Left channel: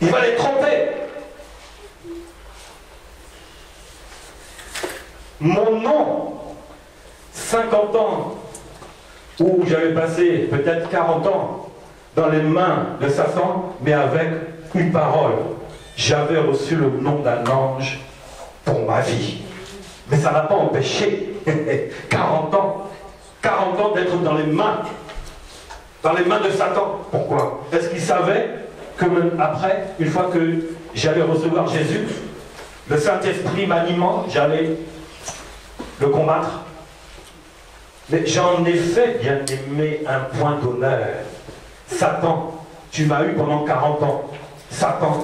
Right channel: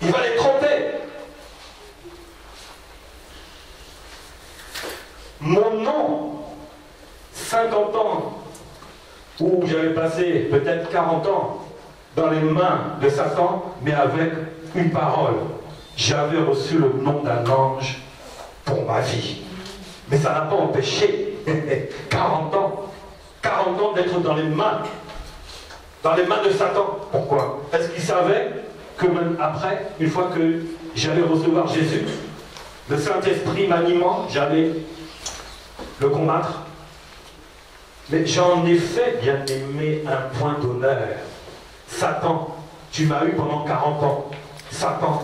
Il va les tromper. Mon nom, 50 ans, où j'avais passé peut-être 40 ans dans les mains de Satan, mais avec une parole. J'avais reçu le nom d'un ange pour ma vie. Mais ça n'a pas empêché 40 ans d'être dans les mains de Satan. Pourquoi? Est-ce qu'il savait que après, une fois que j'allais recevoir Jésus, le Saint-Esprit m'animant, j'allais le combattre? Mais j'en ai fait, bien aimé, un point d'honneur. Satan, tu m'as eu pendant 40 ans. Satan,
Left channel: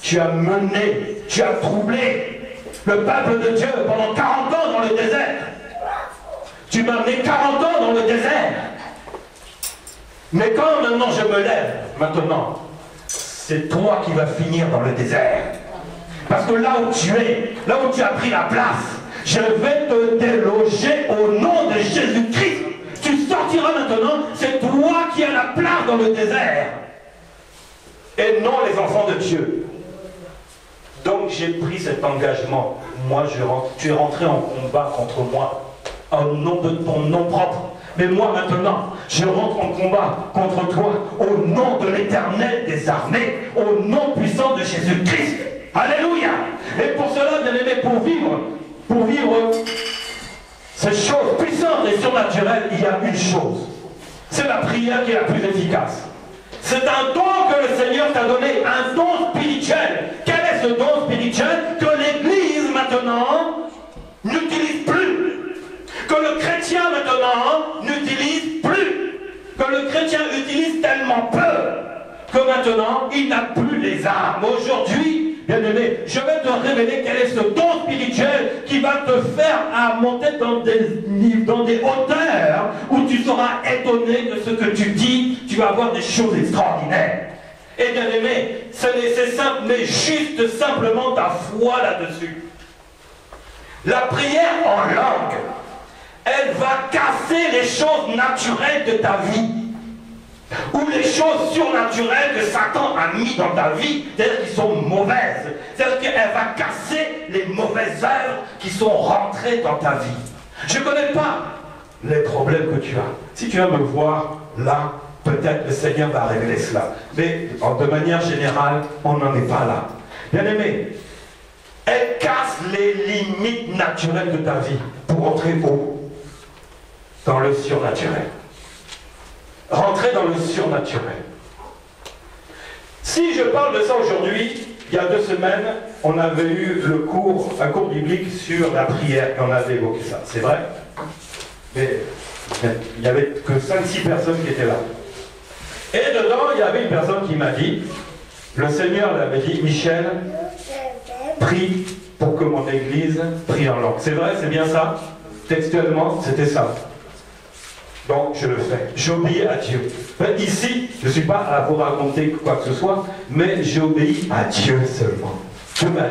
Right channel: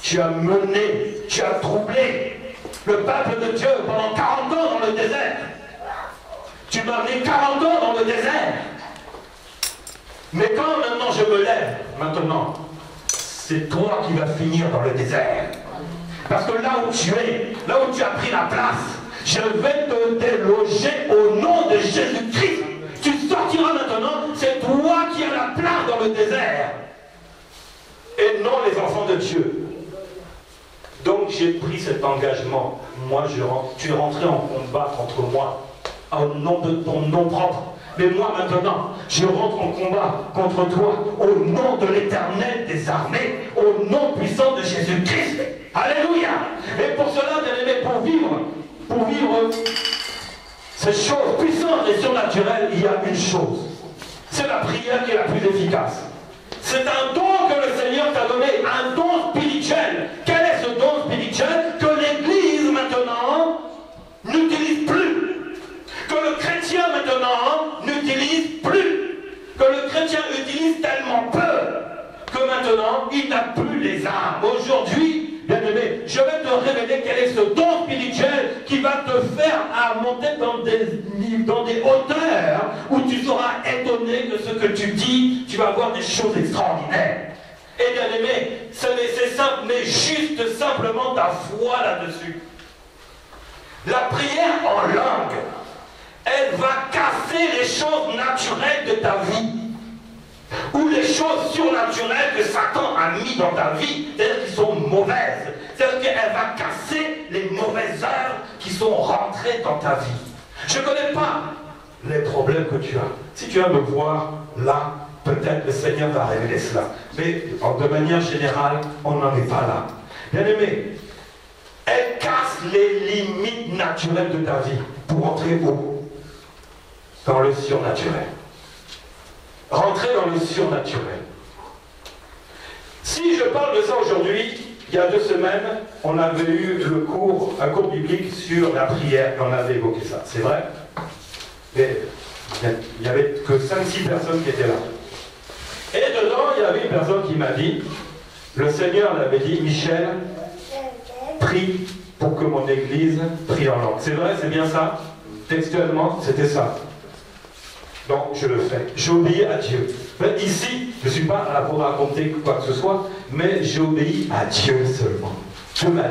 tu as mené, tu as troublé le peuple de Dieu pendant 40 ans dans le désert. Tu m'as amené 40 ans dans le désert. Mais quand maintenant je me lève, maintenant, c'est toi qui vas finir dans le désert. Parce que là où tu es, là où tu as pris la place, je vais te déloger au nom de Jésus-Christ. Tu sortiras maintenant, c'est toi qui as la place dans le désert. Et non les enfants de Dieu. Donc j'ai pris cet engagement. Moi, tu es rentré en combat contre moi, au nom de ton nom propre. Mais moi maintenant, je rentre en combat contre toi, au nom de l'Éternel des armées, au nom puissant de Jésus-Christ. Alléluia. Et pour cela, bien aimé, pour vivre ces choses puissantes et surnaturelles, il y a une chose. C'est la prière qui est la plus efficace. C'est un don que le Seigneur t'a donné, un don spirituel. Quel est ce don spirituel que l'Église maintenant n'utilise plus? Que le chrétien maintenant n'utilise plus? Que le chrétien utilise tellement peu que maintenant il n'a plus les armes. Aujourd'hui, bien-aimé, je vais te révéler quel est ce don spirituel qui va te faire monter dans des hauteurs où tu seras étonné de ce que tu dis, tu vas voir des choses extraordinaires. Et bien-aimé, c'est simple, mais juste simplement ta foi là-dessus. La prière en langue, elle va casser les choses naturelles de ta vie. Ou les choses surnaturelles que Satan a mis dans ta vie, c'est-à-dire qui sont mauvaises. C'est-à-dire qu'elle va casser les mauvaises œuvres qui sont rentrées dans ta vie. Je ne connais pas les problèmes que tu as. Si tu vas me voir là, peut-être le Seigneur va révéler cela. Mais de manière générale, on n'en est pas là. Bien aimé, elle casse les limites naturelles de ta vie pour entrer dans le surnaturel. Rentrer dans le surnaturel. Si je parle de ça aujourd'hui, il y a 2 semaines, on avait eu un cours biblique sur la prière, et on avait évoqué ça, c'est vrai? Mais il n'y avait que 5-6 personnes qui étaient là. Et dedans, il y avait une personne qui m'a dit, le Seigneur l'avait dit, Michel, prie pour que mon église prie en langue. C'est vrai, c'est bien ça? Textuellement, c'était ça. Donc je le fais, j'obéis à Dieu. Ici, je ne suis pas à vous raconter quoi que ce soit, mais j'obéis à Dieu seulement. Dieu m'a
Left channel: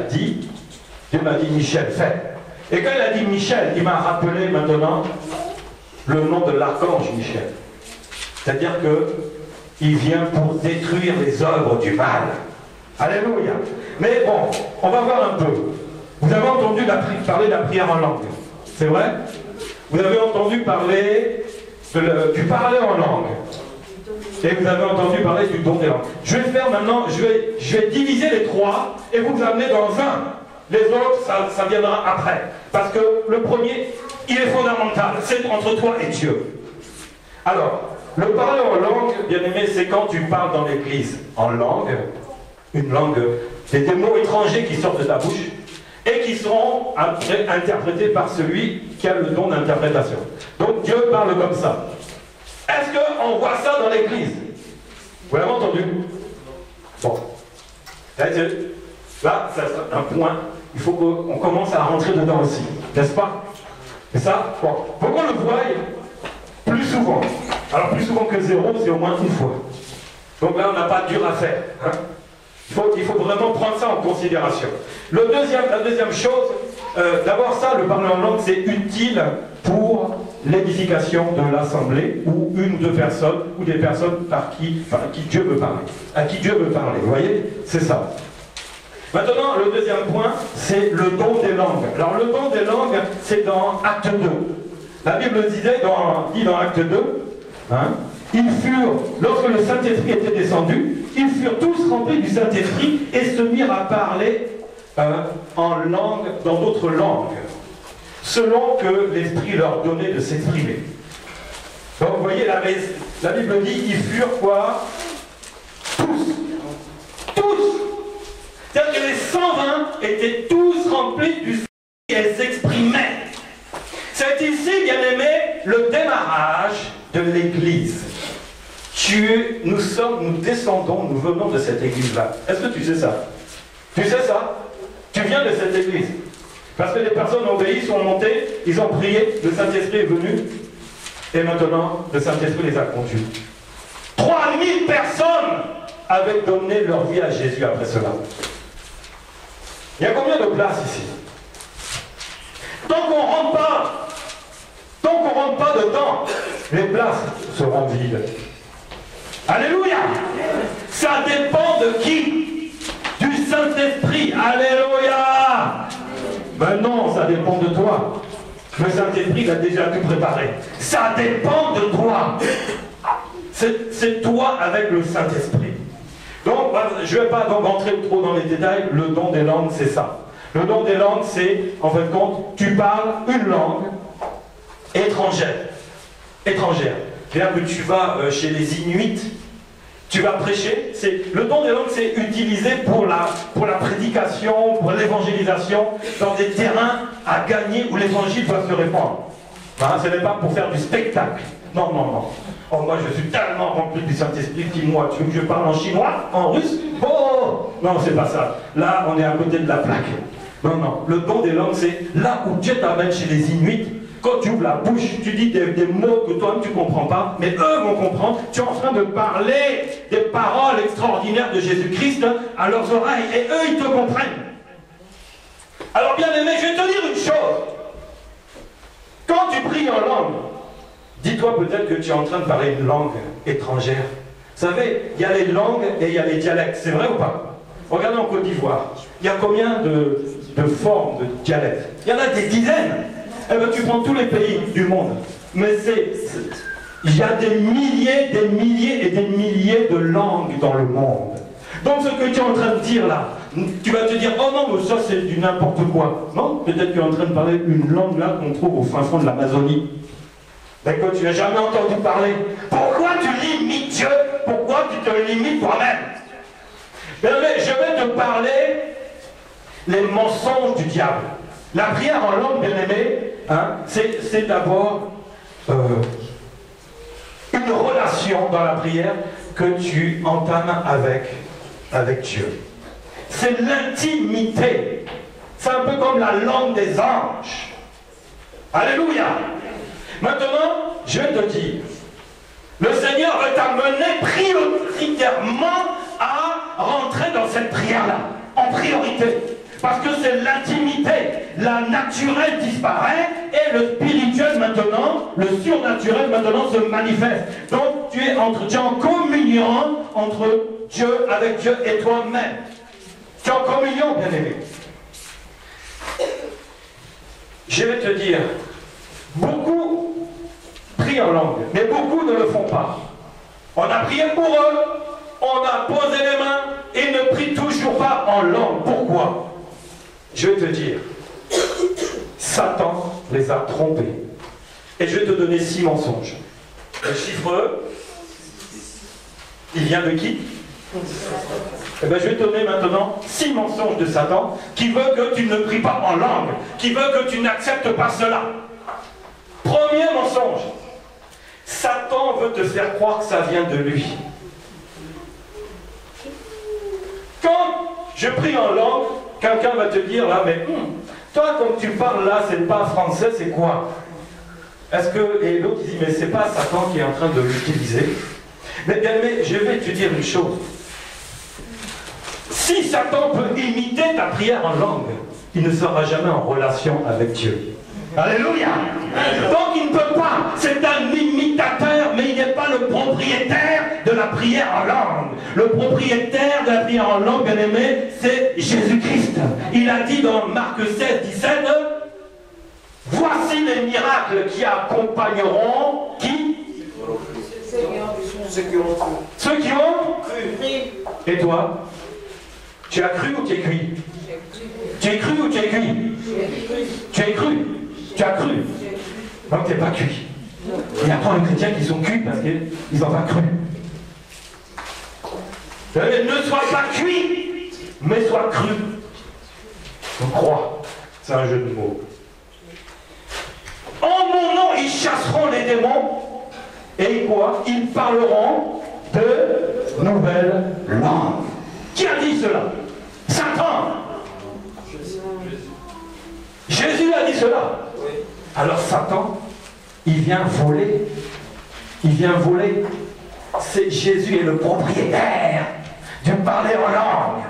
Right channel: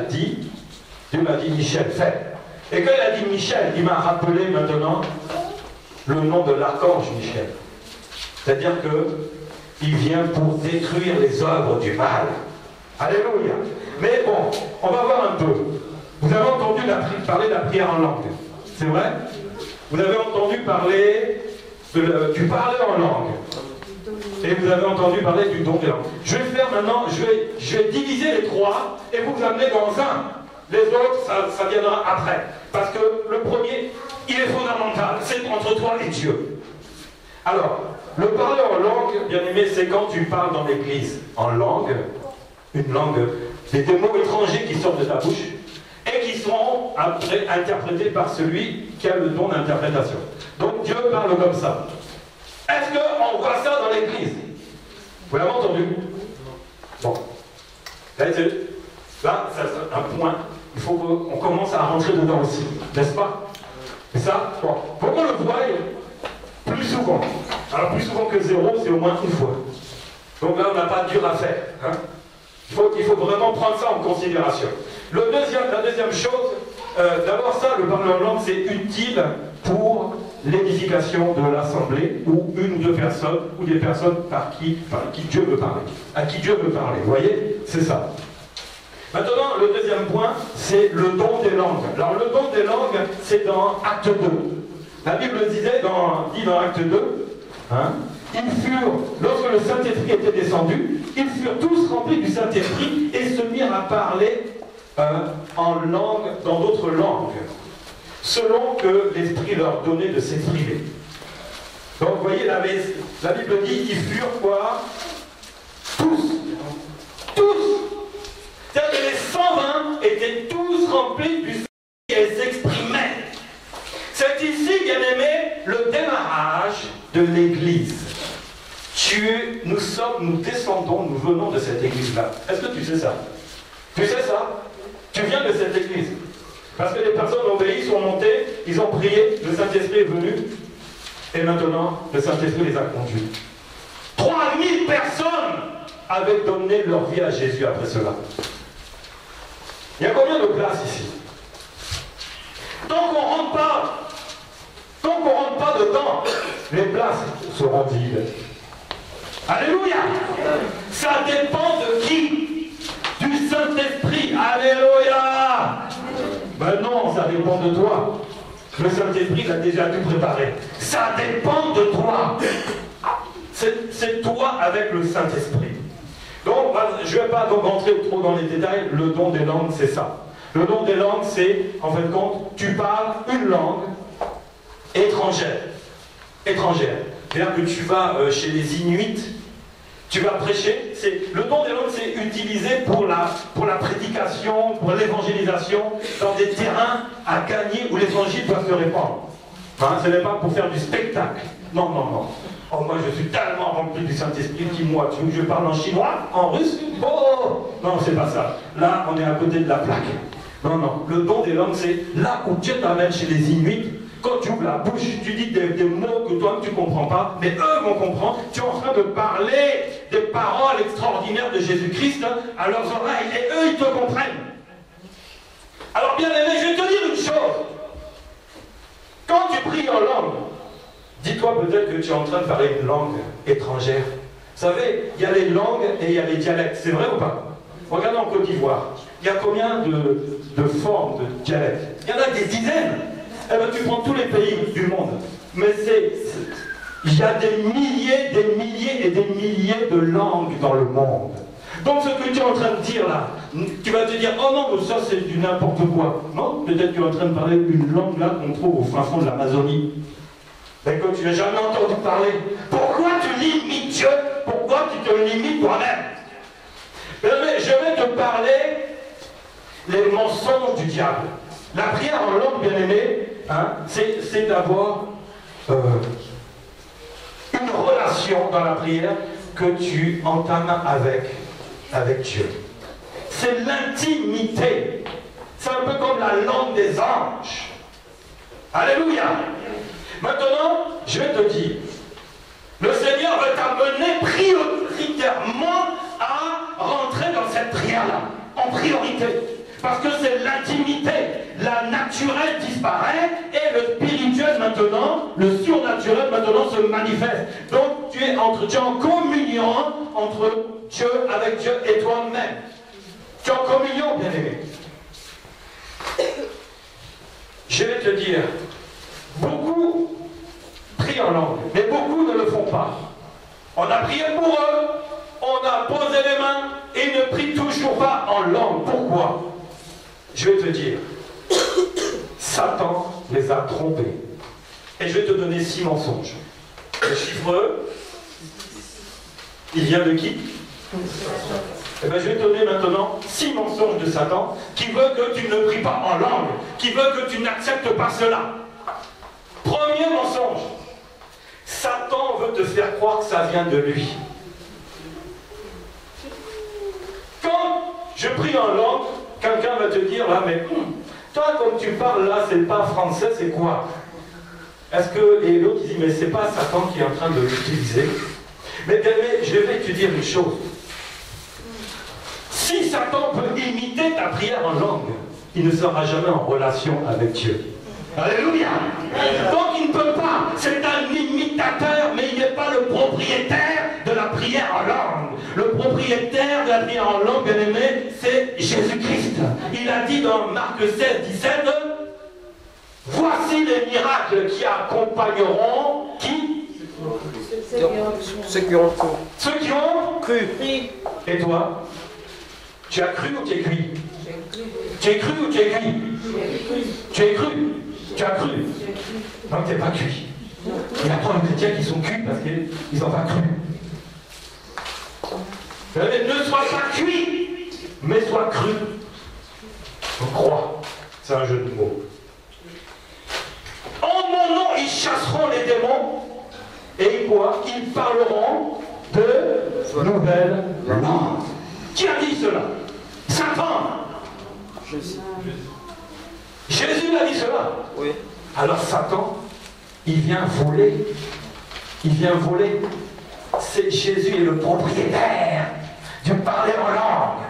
dit, Michel, fais. Et quand il a dit Michel, il m'a rappelé maintenant le nom de l'archange Michel. C'est-à-dire qu'il vient pour détruire les œuvres du mal. Alléluia. Mais bon, on va voir un peu. Vous avez entendu parler de la prière en langue. C'est vrai? Vous avez entendu parler du parler en langue. Et vous avez entendu parler du don des langues. Je vais faire maintenant, je vais diviser les 3 et vous amener dans un. Les autres, ça viendra après. Parce que le premier, il est fondamental. C'est entre toi et Dieu. Alors, le parler en langue, bien aimé, c'est quand tu parles dans l'église en langue, une langue, c'est des mots étrangers qui sortent de ta bouche et qui seront après interprétés par celui qui a le don d'interprétation. Donc Dieu parle comme ça. Est-ce qu'on voit ça dans l'église? Vous l'avez entendu? Bon. Là, c'est un point. Il faut qu'on commence à rentrer dedans aussi. N'est-ce pas? Et ça, bon. Faut qu'on le voie plus souvent. Alors plus souvent que 0, c'est au moins une fois. Donc là, on n'a pas dur à faire. Hein? Il faut vraiment prendre ça en considération. La deuxième chose, d'abord ça, le parler en langue, c'est utile pour l'édification de l'assemblée ou une ou deux personnes ou des personnes par qui Dieu veut parler. À qui Dieu veut parler. Vous voyez? C'est ça. Maintenant, le deuxième point, c'est le don des langues. Alors, le don des langues, c'est dans Acte 2. La Bible dit dans Acte 2, hein, ils furent, lorsque le Saint-Esprit était descendu, ils furent tous remplis du Saint-Esprit et se mirent à parler en langue, dans d'autres langues, selon que l'Esprit leur donnait de s'exprimer. Donc, vous voyez, la Bible dit, ils furent quoi? Tous. C'est-à-dire que les 120 étaient tous remplis du Saint-Esprit et s'exprimaient. C'est ici, bien aimé, le démarrage de l'Église. Nous descendons, nous venons de cette Église-là. Est-ce que tu sais ça? Tu sais ça? Tu viens de cette Église. Parce que les personnes ont obéi, sont montées, ils ont prié, le Saint-Esprit est venu, et maintenant, le Saint-Esprit les a conduits. 3000 personnes avaient donné leur vie à Jésus après cela. Il y a combien de places ici? Tant qu'on ne rentre pas dedans, les places seront vides. Alléluia! Ça dépend de qui? Du Saint-Esprit. Alléluia! Ben non, ça dépend de toi. Le Saint-Esprit a déjà tout préparé. Ça dépend de toi. C'est toi avec le Saint-Esprit. Donc, je ne vais pas donc rentrer trop dans les détails. Le don des langues, c'est ça. Le don des langues, c'est, en fin de compte, tu parles une langue étrangère. C'est-à-dire que tu vas chez les Inuits, tu vas prêcher. Le don des langues, c'est utilisé pour la prédication, pour l'évangélisation, dans des terrains à gagner où l'évangile doit se répandre. Hein, ce n'est pas pour faire du spectacle. Non. Oh, moi, je suis tellement rempli du Saint-Esprit, dis-moi, tu veux que je parle en chinois, en russe? Oh! Non, c'est pas ça. Là, on est à côté de la plaque. Non. Le don des langues, c'est là où Dieu t'amène chez les Inuits. Quand tu ouvres la bouche, tu dis des mots que toi-même tu ne comprends pas, mais eux vont comprendre. Tu es en train de parler des paroles extraordinaires de Jésus-Christ à leurs oreilles, et eux, ils te comprennent. Alors, bien aimé, je vais te dire une chose. Quand tu pries en langue, dis-toi peut-être que tu es en train de parler une langue étrangère. Vous savez, il y a les langues et il y a les dialectes. C'est vrai ou pas? Regardez en Côte d'Ivoire. Il y a combien de formes de dialectes? Il y en a des dizaines. Eh bien, tu prends tous les pays du monde. Mais il y a des milliers et des milliers de langues dans le monde. Donc ce que tu es en train de dire là, tu vas te dire, oh non, mais ça c'est du n'importe quoi. Non, peut-être que tu es en train de parler une langue là qu'on trouve au fin fond de l'Amazonie. Ben que tu n'as jamais entendu parler. Pourquoi tu limites Dieu? Pourquoi tu te limites toi-même? Ben, mais je vais te parler les mensonges du diable. La prière en langue, bien aimé, hein, c'est d'avoir une relation dans la prière que tu entames avec Dieu. C'est l'intimité. C'est un peu comme la langue des anges. Alléluia. Maintenant, je vais te dire, le Seigneur veut t'amener prioritairement à rentrer dans cette prière-là, en priorité. Parce que c'est l'intimité. La naturelle disparaît et le spirituel maintenant, le surnaturel maintenant se manifeste. Donc tu es en communion entre Dieu, avec Dieu et toi-même. Tu es en communion, bien-aimé. Je vais te dire, beaucoup prient en langue, mais beaucoup ne le font pas. On a prié pour eux, on a posé les mains, et ils ne prient toujours pas en langue. Pourquoi? Je vais te dire, Satan les a trompés. Et je vais te donner 6 mensonges. Le chiffre, il vient de qui? Eh bien, je vais te donner maintenant 6 mensonges de Satan qui veut que tu ne pries pas en langue, qui veut que tu n'acceptes pas cela. Premier mensonge, Satan veut te faire croire que ça vient de lui. Quand je prie en langue, quelqu'un va te dire là, mais toi, comme tu parles là, c'est pas français, c'est quoi? Est-ce que. Et l'autre dit, mais c'est pas Satan qui est en train de l'utiliser. Mais bien, je vais te dire une chose. Si Satan peut imiter ta prière en langue, il ne sera jamais en relation avec Dieu. Alléluia. Donc il ne peut pas, c'est un imitateur, mais il n'est pas le propriétaire de la prière en langue. Le propriétaire de la prière en langue, bien aimé, c'est Jésus-Christ. Il a dit dans Marc 16, 17, voici les miracles qui accompagneront qui? Ceux qui ont cru. Ceux qui ont Cru. Et toi? Tu as cru ou tu es cuit? Tu es cru ou tu es cuit? Tu es cru? Tu as cru? Donc tu n'es pas cuit. Il y a plein de chrétiens qui sont cuits parce qu'ils n'ont pas cru. Ne sois pas cuit, mais sois cru. On croit. C'est un jeu de mots. En mon nom, ils chasseront les démons. Et quoi? Ils parleront de nouvelles langues. Qui a dit cela? Satan. Jésus a dit cela. Oui. Alors Satan, il vient voler. Il vient voler. C'est Jésus est le propriétaire du parler en langue.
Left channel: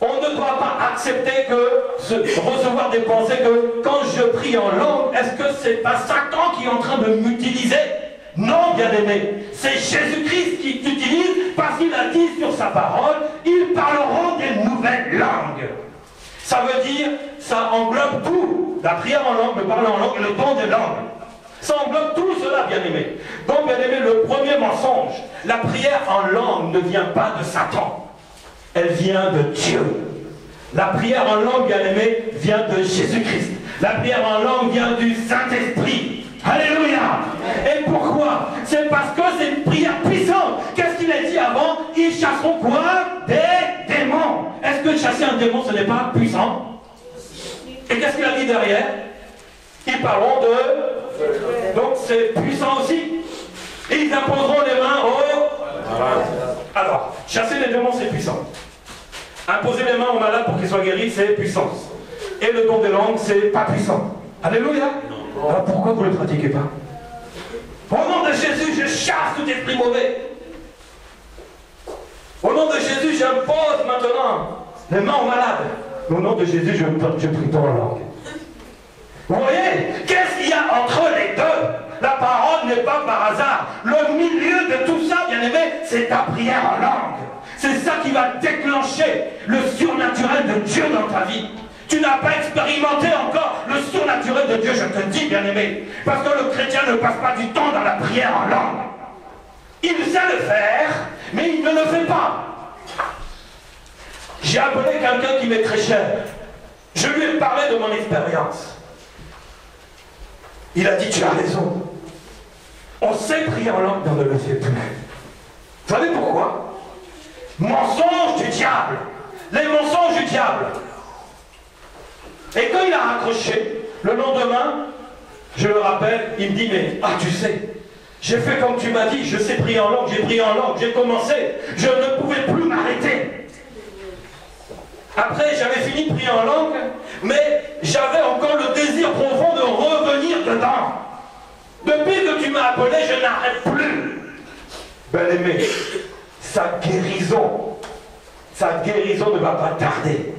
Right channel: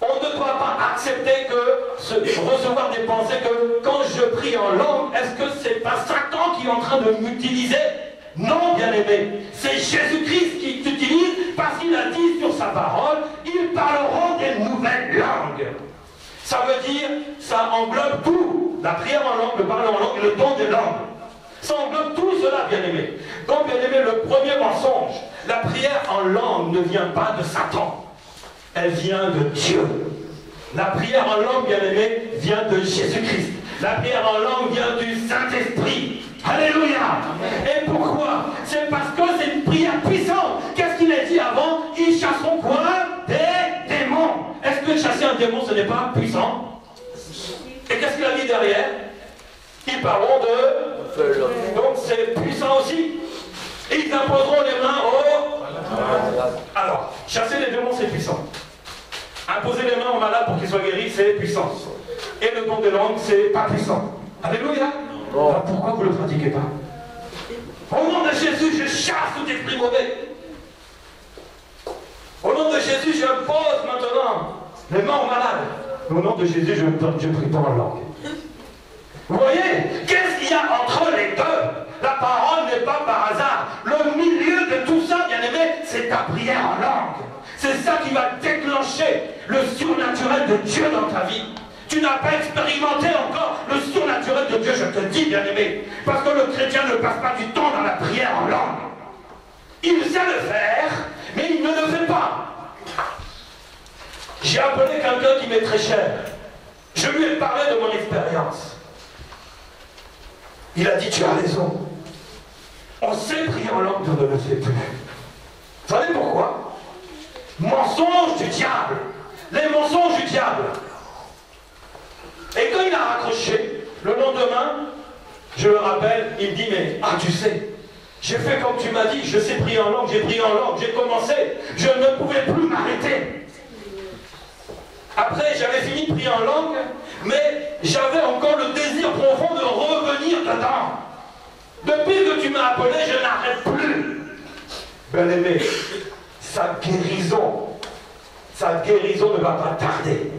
On ne doit pas accepter recevoir des pensées que quand je prie en langue, est-ce que c'est pas Satan qui est en train de m'utiliser? Non, bien-aimé, c'est Jésus-Christ qui t'utilise parce qu'il a dit sur sa parole, ils parleront des nouvelles langues. Ça veut dire, ça englobe tout. La prière en langue, le parler en langue et le don des langues. Ça englobe tout cela, bien-aimé. Donc, bien-aimé, le premier mensonge, la prière en langue ne vient pas de Satan. Elle vient de Dieu. La prière en langue, bien-aimé, vient de Jésus-Christ. La prière en langue vient du Saint-Esprit. Alléluia. Et pourquoi? C'est parce que c'est une prière puissante. Qu'est-ce qu'il a dit avant? Ils chasseront quoi? Des démons. Est-ce que chasser un démon, ce n'est pas puissant? Et qu'est-ce qu'il a dit derrière? Ils parleront de... Donc c'est puissant aussi. Et ils imposeront les mains au... Alors, chasser les démons, c'est puissant. Imposer les mains aux malades pour qu'ils soient guéris, c'est puissant. Et le don des langues, c'est pas puissant. Alléluia. Alors pourquoi vous ne le pratiquez pas? Au nom de Jésus, je chasse tout esprit mauvais. Au nom de Jésus, j'impose maintenant les mains aux malades. Au nom de Jésus, je prie pas en langue. Vous voyez? Qu'est-ce qu'il y a entre les deux? La parole n'est pas par hasard. Le milieu de tout ça, bien aimé, c'est ta prière en langue. C'est ça qui va déclencher le surnaturel de Dieu dans ta vie. Tu n'as pas expérimenté encore le surnaturel de Dieu, je te dis, bien-aimé. Parce que le chrétien ne passe pas du temps dans la prière en langue. Il sait le faire, mais il ne le fait pas. J'ai appelé quelqu'un qui m'est très cher. Je lui ai parlé de mon expérience. Il a dit, tu as raison. On sait prier en langue, mais on ne le fait plus. Vous savez pourquoi? Mensonge du diable. Les mensonges du diable. Et quand il a raccroché, le lendemain, je le rappelle, il me dit, mais, tu sais, j'ai fait comme tu m'as dit, je sais prier en langue, j'ai prié en langue, j'ai commencé, je ne pouvais plus m'arrêter. Après, j'avais fini de prier en langue, mais j'avais encore le désir profond de revenir dedans. Depuis que tu m'as appelé, je n'arrête plus. Bien-aimé, sa guérison ne va pas tarder.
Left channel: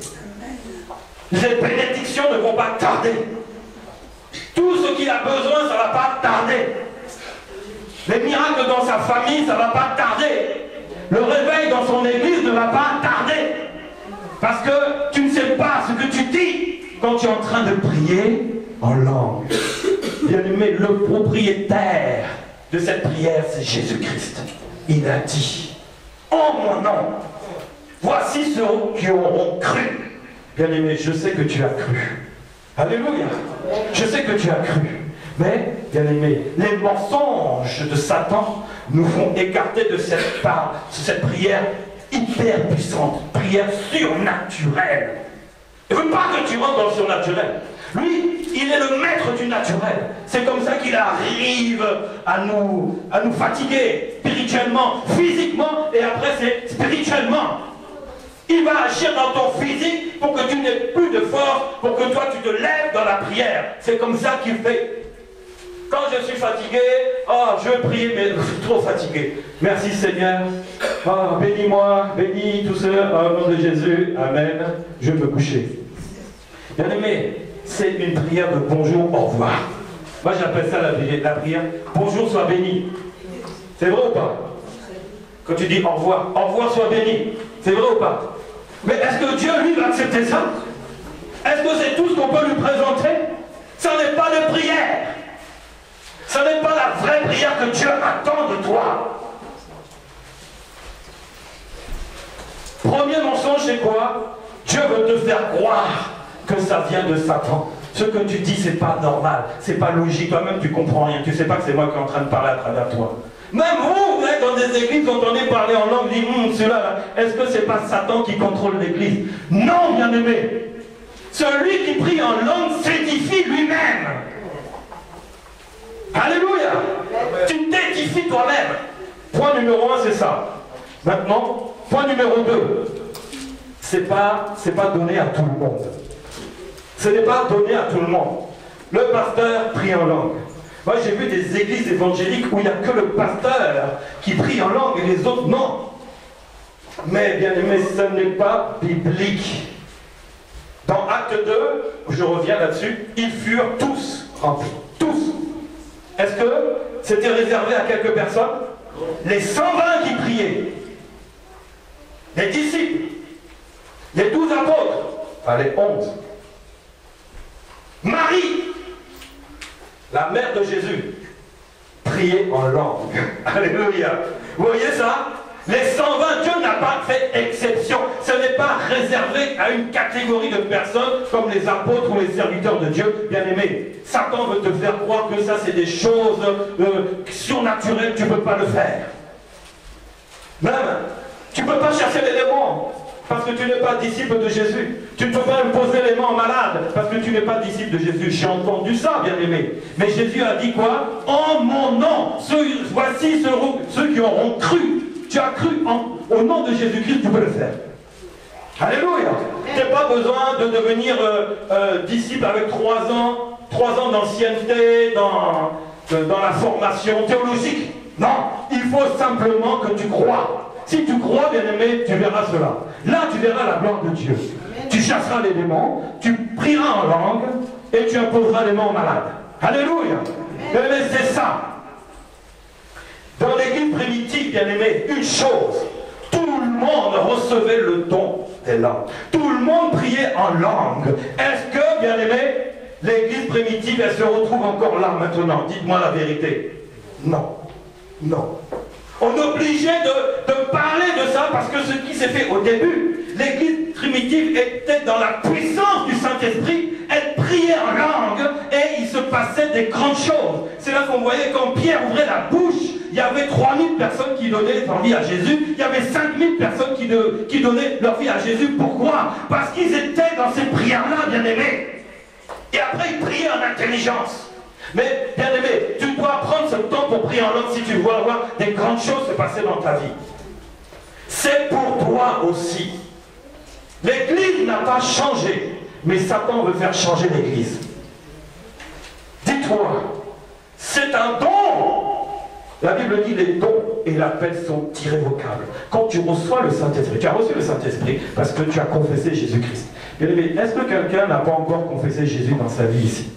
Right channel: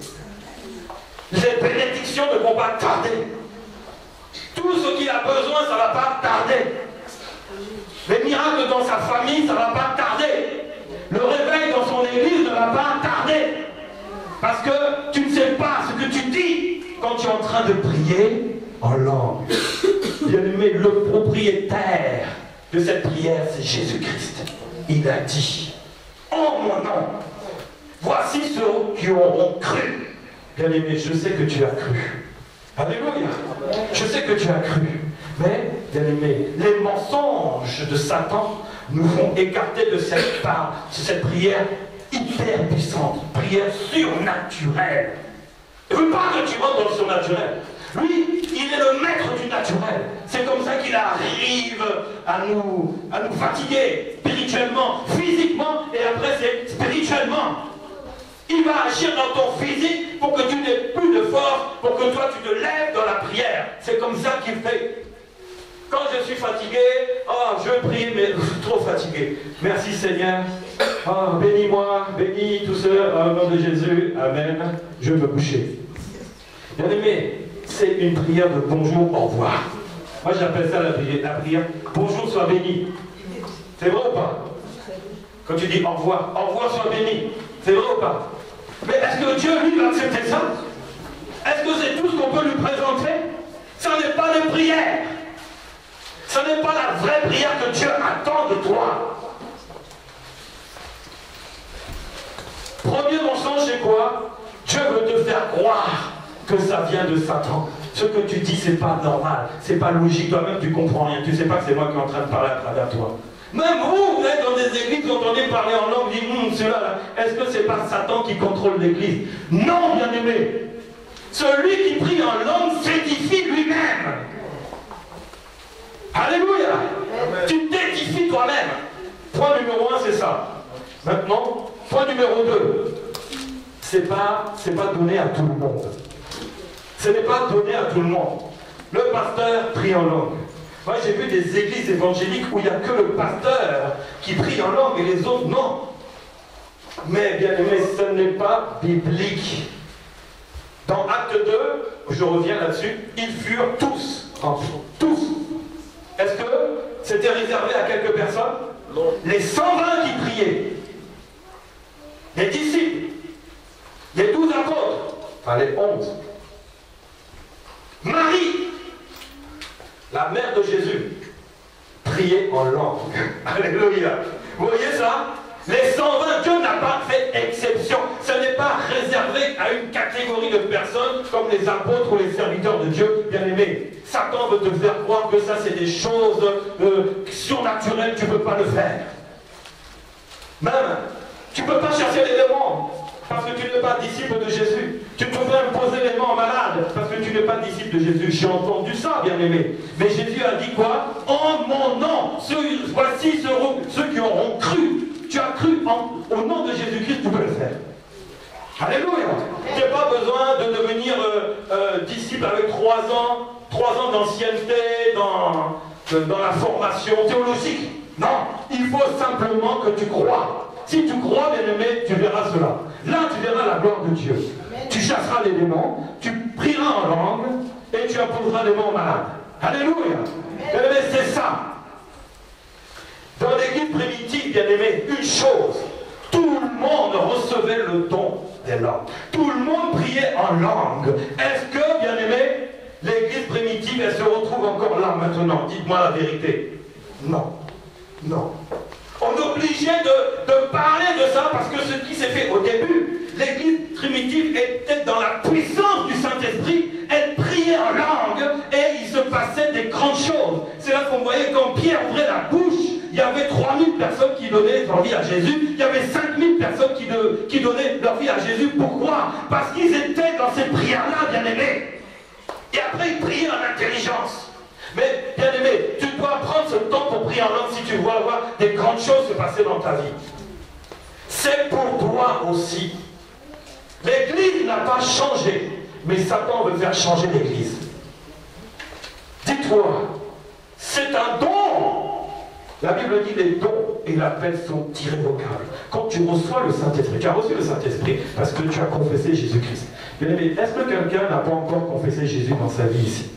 Les bénédictions ne vont pas tarder. Tout ce qu'il a besoin, ça ne va pas tarder. Les miracles dans sa famille, ça ne va pas tarder. Le réveil dans son église ne va pas tarder. Parce que tu ne sais pas ce que tu dis quand tu es en train de prier en langue. Bien-aimé, le propriétaire de cette prière, c'est Jésus-Christ. Il a dit, en mon nom, voici ceux qui auront cru. Bien-aimé, je sais que tu as cru. Alléluia. Je sais que tu as cru. Mais, bien-aimé, les mensonges de Satan nous font écarter de cette prière hyper puissante, prière surnaturelle. Il ne veut pas que tu rentres dans le surnaturel. Lui, il est le maître du naturel. C'est comme ça qu'il arrive à nous fatiguer spirituellement, physiquement, et après c'est spirituellement. Il va agir dans ton physique pour que tu n'aies plus de force, pour que toi tu te lèves dans la prière. C'est comme ça qu'il fait. Quand je suis fatigué, je veux prier, mais je suis trop fatigué. Merci Seigneur. Bénis-moi, bénis tous ceux, au nom de Jésus. Amen. Je vais me coucher. Bien aimé, c'est une prière de bonjour, au revoir. Moi j'appelle ça la prière bonjour, sois béni. C'est vrai ou pas? Quand tu dis au revoir sois béni. C'est vrai ou pas? Mais est-ce que Dieu lui va accepter ça? Est-ce que c'est tout ce qu'on peut lui présenter? Ça n'est pas les prières. Ça n'est pas la vraie prière que Dieu attend de toi. Premier mensonge, c'est quoi? Dieu veut te faire croire que ça vient de Satan. Ce que tu dis, c'est pas normal, c'est pas logique. Toi-même, tu comprends rien. Tu sais pas que c'est moi qui suis en train de parler à travers toi. Même vous êtes dans des églises, vous entendez parler en langue, vous dites, cela là, est-ce que c'est pas Satan qui contrôle l'église? Non, bien-aimé. Celui qui prie en langue s'édifie lui-même. Alléluia. Tu t'édifies toi-même. Point numéro 1, c'est ça. Maintenant, point numéro 2. C'est pas donné à tout le monde. Ce n'est pas donné à tout le monde. Le pasteur prie en langue. Moi, j'ai vu des églises évangéliques où il n'y a que le pasteur qui prie en langue et les autres, non. Mais, bien aimé, ce n'est pas biblique. Dans Acte 2, je reviens là-dessus, ils furent tous remplis. Tous. Est-ce que c'était réservé à quelques personnes? Les 120 qui priaient. Les disciples. Les 12 apôtres. Enfin, les 11. Marie, la mère de Jésus, priait en langue. Alléluia. Vous voyez ça? Les 120, Dieu n'a pas fait exception. Ce n'est pas réservé à une catégorie de personnes comme les apôtres ou les serviteurs de Dieu. Bien aimé, Satan veut te faire croire que ça c'est des choses surnaturelles, tu ne peux pas le faire. Même, tu ne peux pas chercher les démons parce que tu n'es pas disciple de Jésus. Tu ne peux pas imposer les mains aux malades parce que tu n'es pas disciple de Jésus. J'ai entendu ça, bien aimé. Mais Jésus a dit quoi? En mon nom, voici ceux qui auront cru. Tu as cru au nom de Jésus-Christ, tu peux le faire. Alléluia. Tu n'as pas besoin de devenir disciple avec 3 ans d'ancienneté dans la formation théologique. Non, il faut simplement que tu crois. Si tu crois, bien aimé, tu verras cela. Là, tu verras la gloire de Dieu. Tu chasseras les démons, tu prieras en langue et tu imposeras les mains aux malades. Alléluia. Bien aimé, c'est ça. Dans l'église primitive, bien aimé, une chose, tout le monde recevait le don des langues. Tout le monde priait en langue. Est-ce que, bien aimé, l'église primitive, elle se retrouve encore là maintenant? Dites-moi la vérité. Non. Non. On est obligé de parler de ça parce que ce qui s'est fait au début, l'église primitive était dans la puissance du Saint-Esprit, elle priait en langue et il se passait des grandes choses. C'est là qu'on voyait quand Pierre ouvrait la bouche, il y avait 3000 personnes qui donnaient leur vie à Jésus, il y avait 5000 personnes qui donnaient leur vie à Jésus. Pourquoi? Parce qu'ils étaient dans ces prières-là, bien aimés. Et après, ils priaient en intelligence. Mais, bien aimé, tu dois prendre ce temps pour prier en langue si tu veux avoir des grandes choses se passer dans ta vie. C'est pour toi aussi. L'église n'a pas changé, mais Satan veut faire changer l'église. Dis-toi, c'est un don. La Bible dit les dons et l'appel sont irrévocables. Quand tu reçois le Saint-Esprit, tu as reçu le Saint-Esprit parce que tu as confessé Jésus-Christ. Bien aimé, est-ce que quelqu'un n'a pas encore confessé Jésus dans sa vie ici?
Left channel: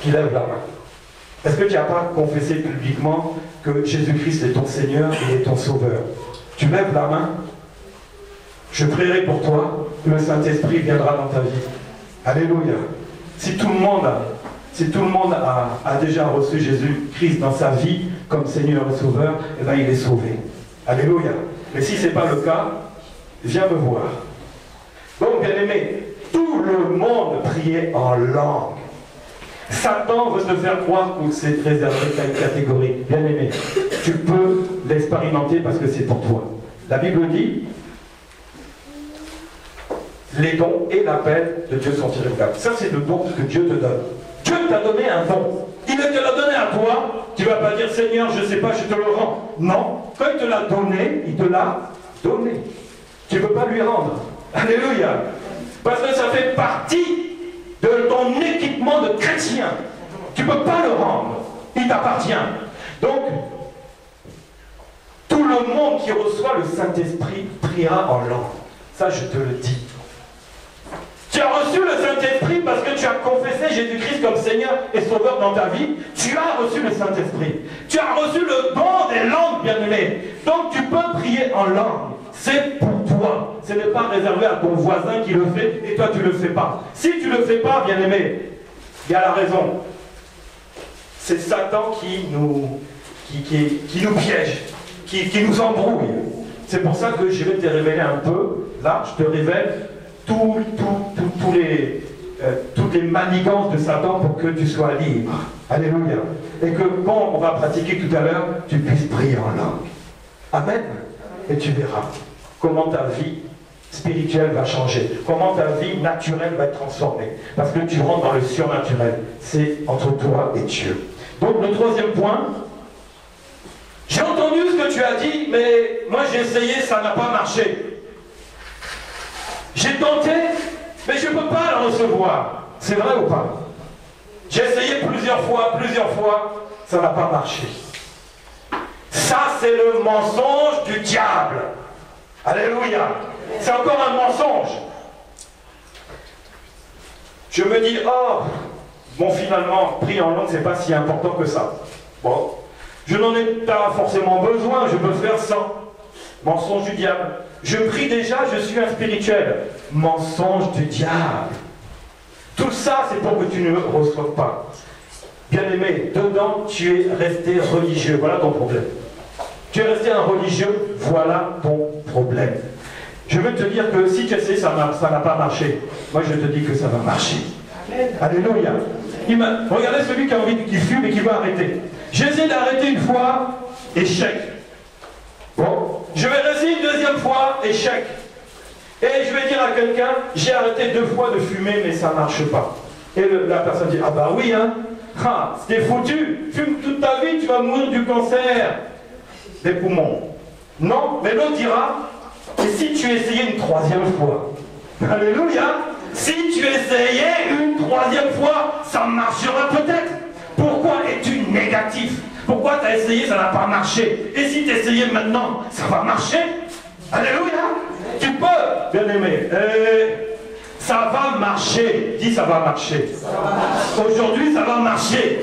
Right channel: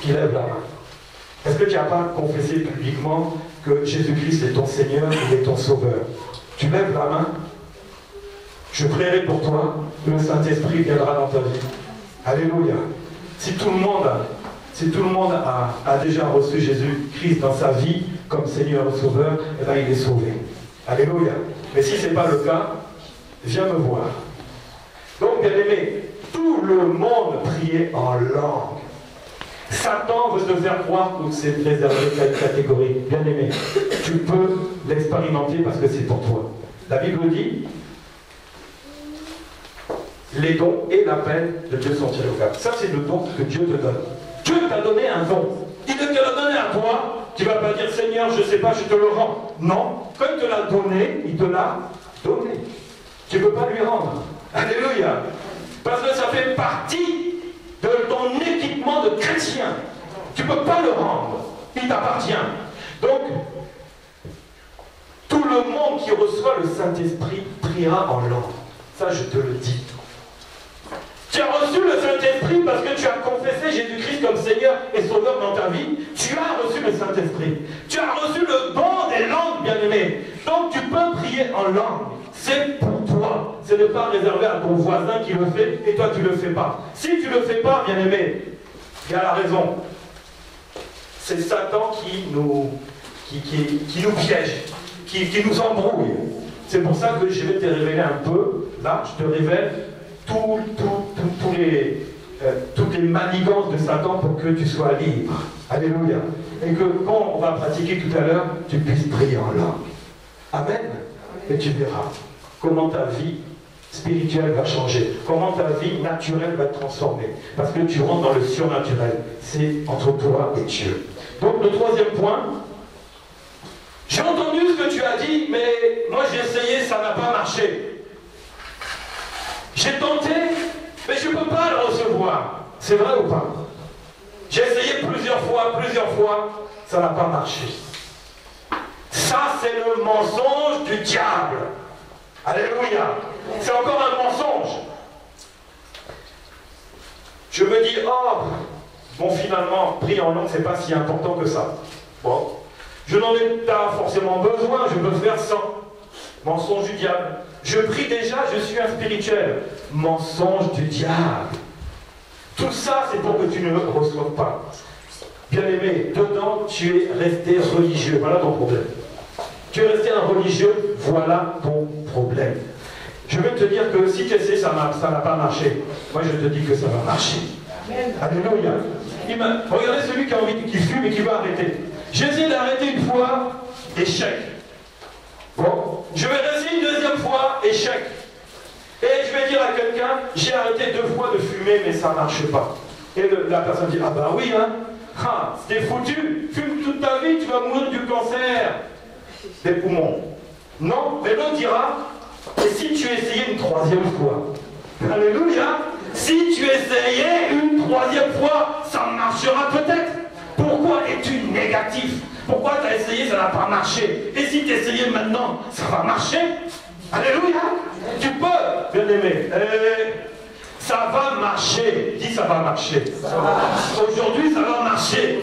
Qui lève la main. Est-ce que tu n'as pas confessé publiquement que Jésus-Christ est ton Seigneur et est ton Sauveur? Tu lèves la main. Je prierai pour toi. Le Saint-Esprit viendra dans ta vie. Alléluia. Si tout le monde a déjà reçu Jésus-Christ dans sa vie comme Seigneur et Sauveur, eh bien il est sauvé. Alléluia. Mais si ce n'est pas le cas, viens me voir. Donc, bien aimé, tout le monde priait en langue. Satan veut te faire croire que c'est réservé à une catégorie. Bien aimé, tu peux l'expérimenter parce que c'est pour toi. La Bible dit, les dons et l'appel de Dieu sont irrévocables. Ça, c'est le don que Dieu te donne. Dieu t'a donné un don. Il te l'a donné à toi. Tu ne vas pas dire, Seigneur, je ne sais pas, je te le rends. Non. Quand il te l'a donné, il te l'a donné. Tu ne peux pas lui rendre. Alléluia. Parce que ça fait partie de ton équipement de chrétien. Tu ne peux pas le rendre. Il t'appartient. Donc, tout le monde qui reçoit le Saint-Esprit priera en langue. Ça, je te le dis. Tu as reçu le Saint-Esprit Saint-Esprit parce que tu as confessé Jésus-Christ comme Seigneur et Sauveur dans ta vie. Tu as reçu le Saint-Esprit. Tu as reçu le don des langues, bien-aimé. Donc tu peux prier en langue. C'est pour toi. Ce n'est pas réservé à ton voisin qui le fait et toi tu ne le fais pas. Si tu ne le fais pas, bien-aimé, il y a la raison. C'est Satan qui nous piège, qui nous embrouille. C'est pour ça que je vais te révéler un peu. Là, je te révèle toutes les manigances de Satan pour que tu sois libre. Alléluia. Et que quand on va pratiquer tout à l'heure, tu puisses prier en langue. Amen. Et tu verras comment ta vie spirituelle va changer, comment ta vie naturelle va être transformée. Parce que tu rentres dans le surnaturel. C'est entre toi et Dieu. Donc le troisième point, j'ai entendu ce que tu as dit, mais moi j'ai essayé, ça n'a pas marché. J'ai tenté, mais je ne peux pas le recevoir. C'est vrai ou pas? J'ai essayé plusieurs fois, ça n'a pas marché. Ça, c'est le mensonge du diable. Alléluia. C'est encore un mensonge. Je me dis, oh, bon, finalement, prier en langue, c'est pas si important que ça. Bon, je n'en ai pas forcément besoin, je peux faire sans. Mensonge du diable. Je prie déjà, je suis un spirituel. Mensonge du diable. Tout ça, c'est pour que tu ne reçoives pas. Bien-aimé, dedans, tu es resté religieux. Voilà ton problème. Tu es resté un religieux, voilà ton problème. Je veux te dire que si tu essaies, ça n'a pas marché. Moi, je te dis que ça va marcher. Alléluia. Regardez celui qui a envie, qui fume et qui va arrêter. J'ai essayé d'arrêter une fois, échec. Bon, je vais essayer une deuxième fois, échec. Et je vais dire à quelqu'un, j'ai arrêté 2 fois de fumer, mais ça ne marche pas. Et la personne dit, ah bah oui, hein, ah, c'était foutu, fume toute ta vie, tu vas mourir du cancer des poumons. Non, mais l'autre dira, et si tu essayais une 3e fois? Alléluia. Si tu essayais une 3e fois, ça marchera peut-être. Pourquoi es-tu négatif? Pourquoi tu as essayé, ça n'a pas marché? Et si tu essayais maintenant, ça va marcher? Alléluia. Tu peux, bien-aimé. Ça va marcher. Dis, ça va marcher. Aujourd'hui, ça va marcher.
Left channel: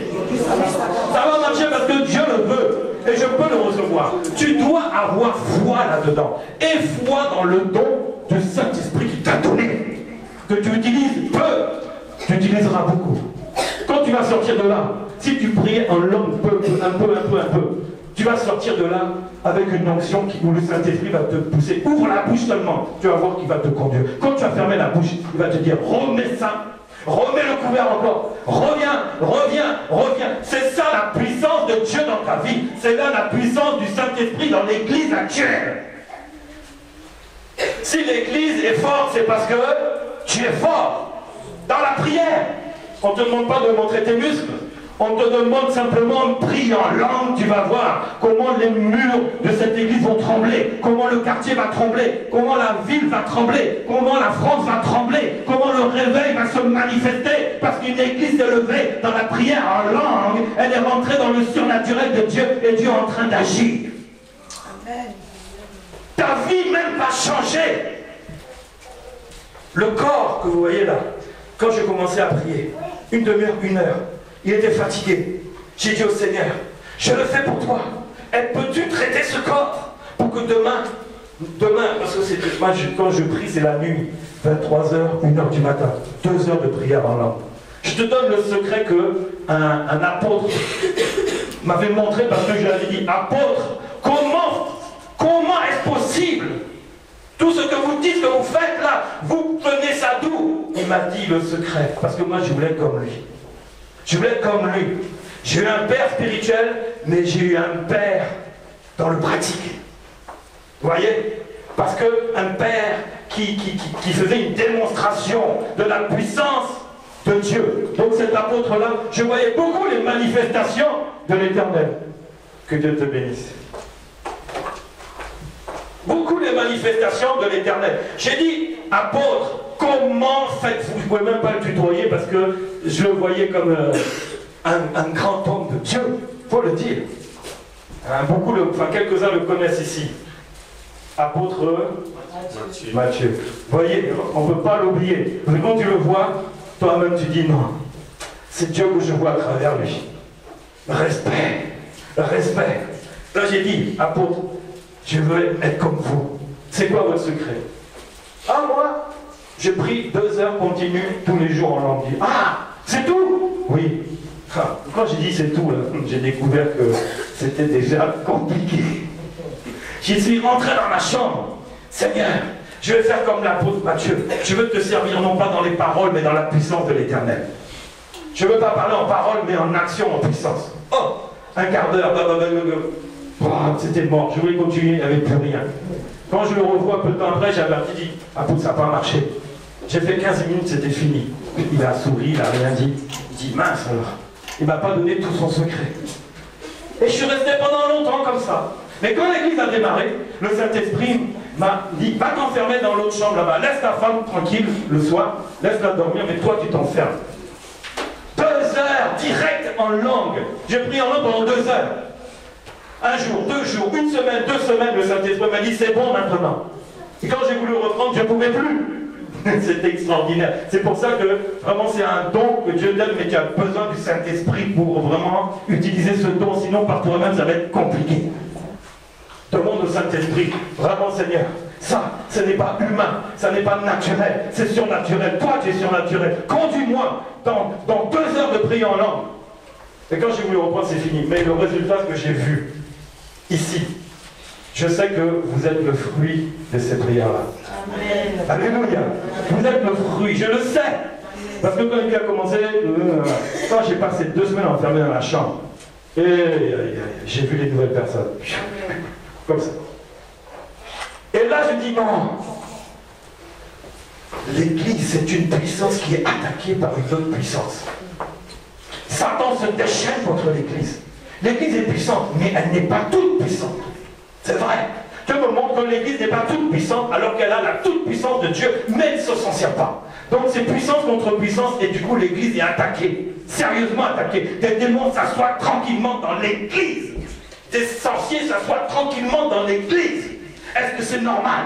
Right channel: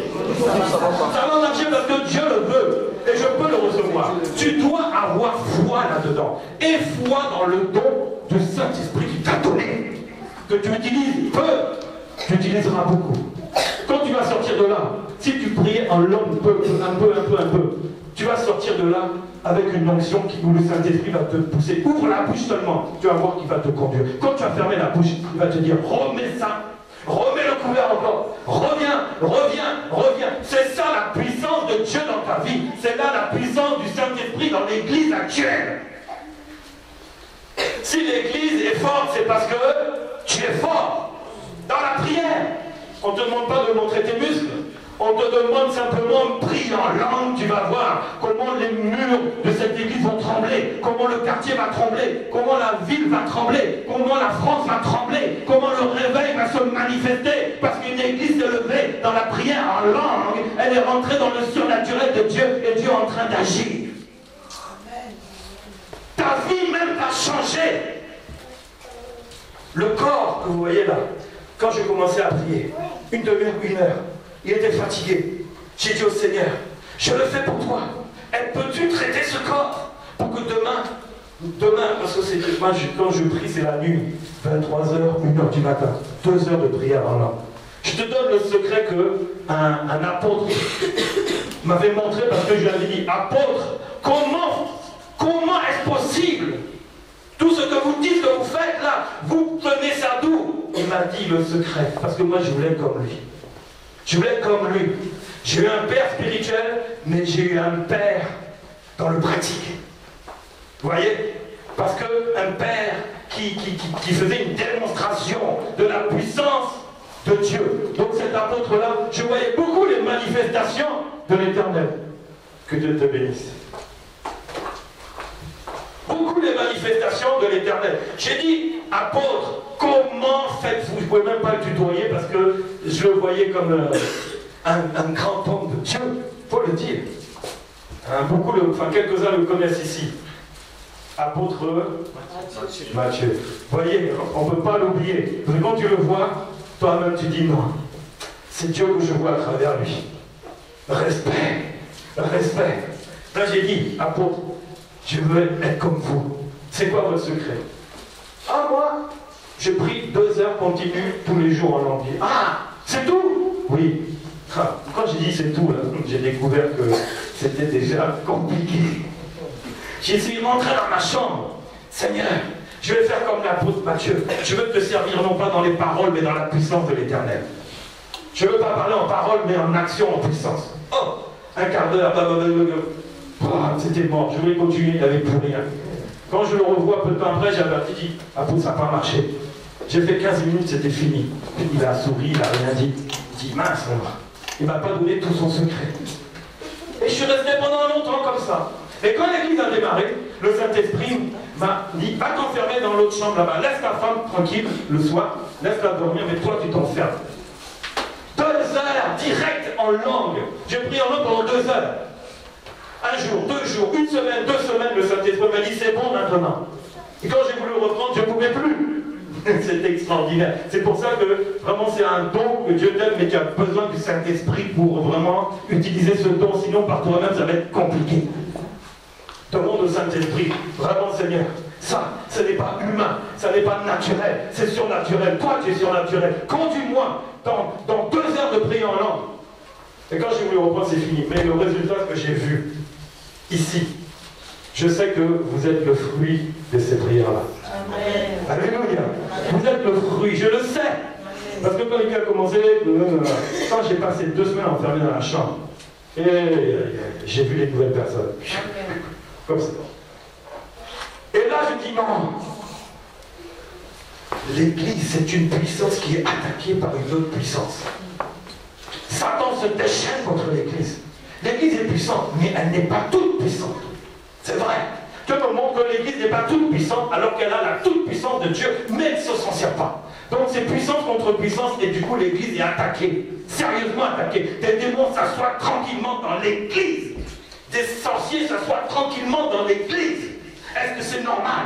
Ça va marcher parce que Dieu le veut. Et je peux le recevoir. Tu dois avoir foi là-dedans. Et foi dans le don du Saint-Esprit qui t'a donné. Que tu utilises peu, tu utiliseras beaucoup. Quand tu vas sortir de là, si tu priais en langue un peu, tu vas sortir de là avec une onction où le Saint-Esprit va te pousser. Ouvre la bouche seulement, tu vas voir qu'il va te conduire. Quand tu vas fermer la bouche, il va te dire, remets ça, remets le couvert encore, reviens. C'est ça la puissance de Dieu dans ta vie. C'est là la puissance du Saint-Esprit dans l'église actuelle. Si l'église est forte, c'est parce que tu es fort. Dans la prière, on ne te demande pas de montrer tes muscles. On te demande simplement de prier en langue, tu vas voir comment les murs de cette église vont trembler, comment le quartier va trembler, comment la ville va trembler, comment la France va trembler, comment le réveil va se manifester, parce qu'une église s'est levée dans la prière en langue, elle est rentrée dans le surnaturel de Dieu et Dieu est en train d'agir. Ta vie même va changer. Le corps que vous voyez là, quand j'ai commencé à prier, 1 demi-heure, 1 heure, il était fatigué. J'ai dit au Seigneur, je le fais pour toi. Et peux-tu traiter ce corps pour que demain, parce que c'est moi, quand je prie, c'est la nuit, 23h, 1h du matin, 2 heures de prière en langue. Je te donne le secret que un apôtre m'avait montré parce que je lui avais dit, apôtre, comment est-ce possible? Tout ce que vous dites, que vous faites là, vous prenez ça d'où? Il m'a dit le secret, parce que moi je voulais comme lui. Je voulais être comme lui. J'ai eu un père spirituel, mais j'ai eu un père dans le pratique. Vous voyez? Parce qu'un père qui faisait une démonstration de la puissance de Dieu. Donc cet apôtre-là, je voyais beaucoup les manifestations de l'Éternel. Que Dieu te bénisse. Beaucoup les manifestations de l'Éternel. J'ai dit, apôtre, comment faites-vous? Vous ne pouvez même pas le tutoyer parce que je le voyais comme un grand homme de Dieu. Il faut le dire. Quelques-uns le connaissent ici. Apôtre Matthieu. Vous voyez, on ne peut pas l'oublier. Parce que quand tu le vois, toi-même tu dis non. C'est Dieu que je vois à travers lui. Respect, respect. Là j'ai dit, apôtre, je veux être comme vous. C'est quoi votre secret? Ah, moi, je prie 2 heures continues tous les jours en langue. Ah, c'est tout? Oui. Ah, quand j'ai dit c'est tout, j'ai découvert que c'était déjà compliqué. J'y suis rentré dans ma chambre. Seigneur, je vais faire comme l'apôtre Matthieu. Je veux te servir non pas dans les paroles, mais dans la puissance de l'Éternel. Je ne veux pas parler en paroles, mais en action, en puissance. Oh, un quart d'heure, c'était mort. Je voulais continuer, il n'y avait plus rien. Quand je le revois peu de temps après, j'avais dit, apôtre, ça n'a pas marché. J'ai fait 15 minutes, c'était fini. Il a souri, il n'a rien dit. Il dit, mince alors. Il ne m'a pas donné tout son secret. Et je suis resté pendant longtemps comme ça. Mais quand l'église a démarré, le Saint-Esprit m'a dit, va t'enfermer dans l'autre chambre là-bas. Laisse ta femme tranquille le soir, laisse-la dormir, mais toi tu t'enfermes. 2 heures, direct en langue. J'ai prié en langue pendant 2 heures. 1 jour, 2 jours, 1 semaine, 2 semaines, le Saint-Esprit m'a dit, c'est bon maintenant. Et quand j'ai voulu reprendre, je ne pouvais plus. C'est extraordinaire. C'est pour ça que vraiment c'est un don que Dieu donne, mais tu as besoin du Saint-Esprit pour vraiment utiliser ce don. Sinon, par toi-même, ça va être compliqué. Demande au Saint-Esprit, vraiment Seigneur, ça, ce n'est pas humain, ça n'est pas naturel, c'est surnaturel. Toi, tu es surnaturel. Conduis-moi dans 2 heures de prière en langue. Et quand j'ai voulu reprendre, c'est fini. Mais le résultat, ce que j'ai vu ici, je sais que vous êtes le fruit de ces prières-là. Alléluia. Vous êtes le fruit, je le sais. Parce que quand il a commencé, quand j'ai passé 2 semaines enfermé dans la chambre, et j'ai vu les nouvelles personnes. Comme ça. Et là, je dis non. L'église, c'est une puissance qui est attaquée par une autre puissance. Satan se déchaîne contre l'église. L'église est puissante, mais elle n'est pas toute puissante. C'est vrai. Dieu me montre que l'église n'est pas toute puissante alors qu'elle a la toute puissance de Dieu, mais elle ne se s'en sert pas. Donc c'est puissance contre puissance et du coup l'église est attaquée. Sérieusement attaquée. Des démons s'assoient tranquillement dans l'église. Des sorciers s'assoient tranquillement dans l'église. Est-ce que c'est normal?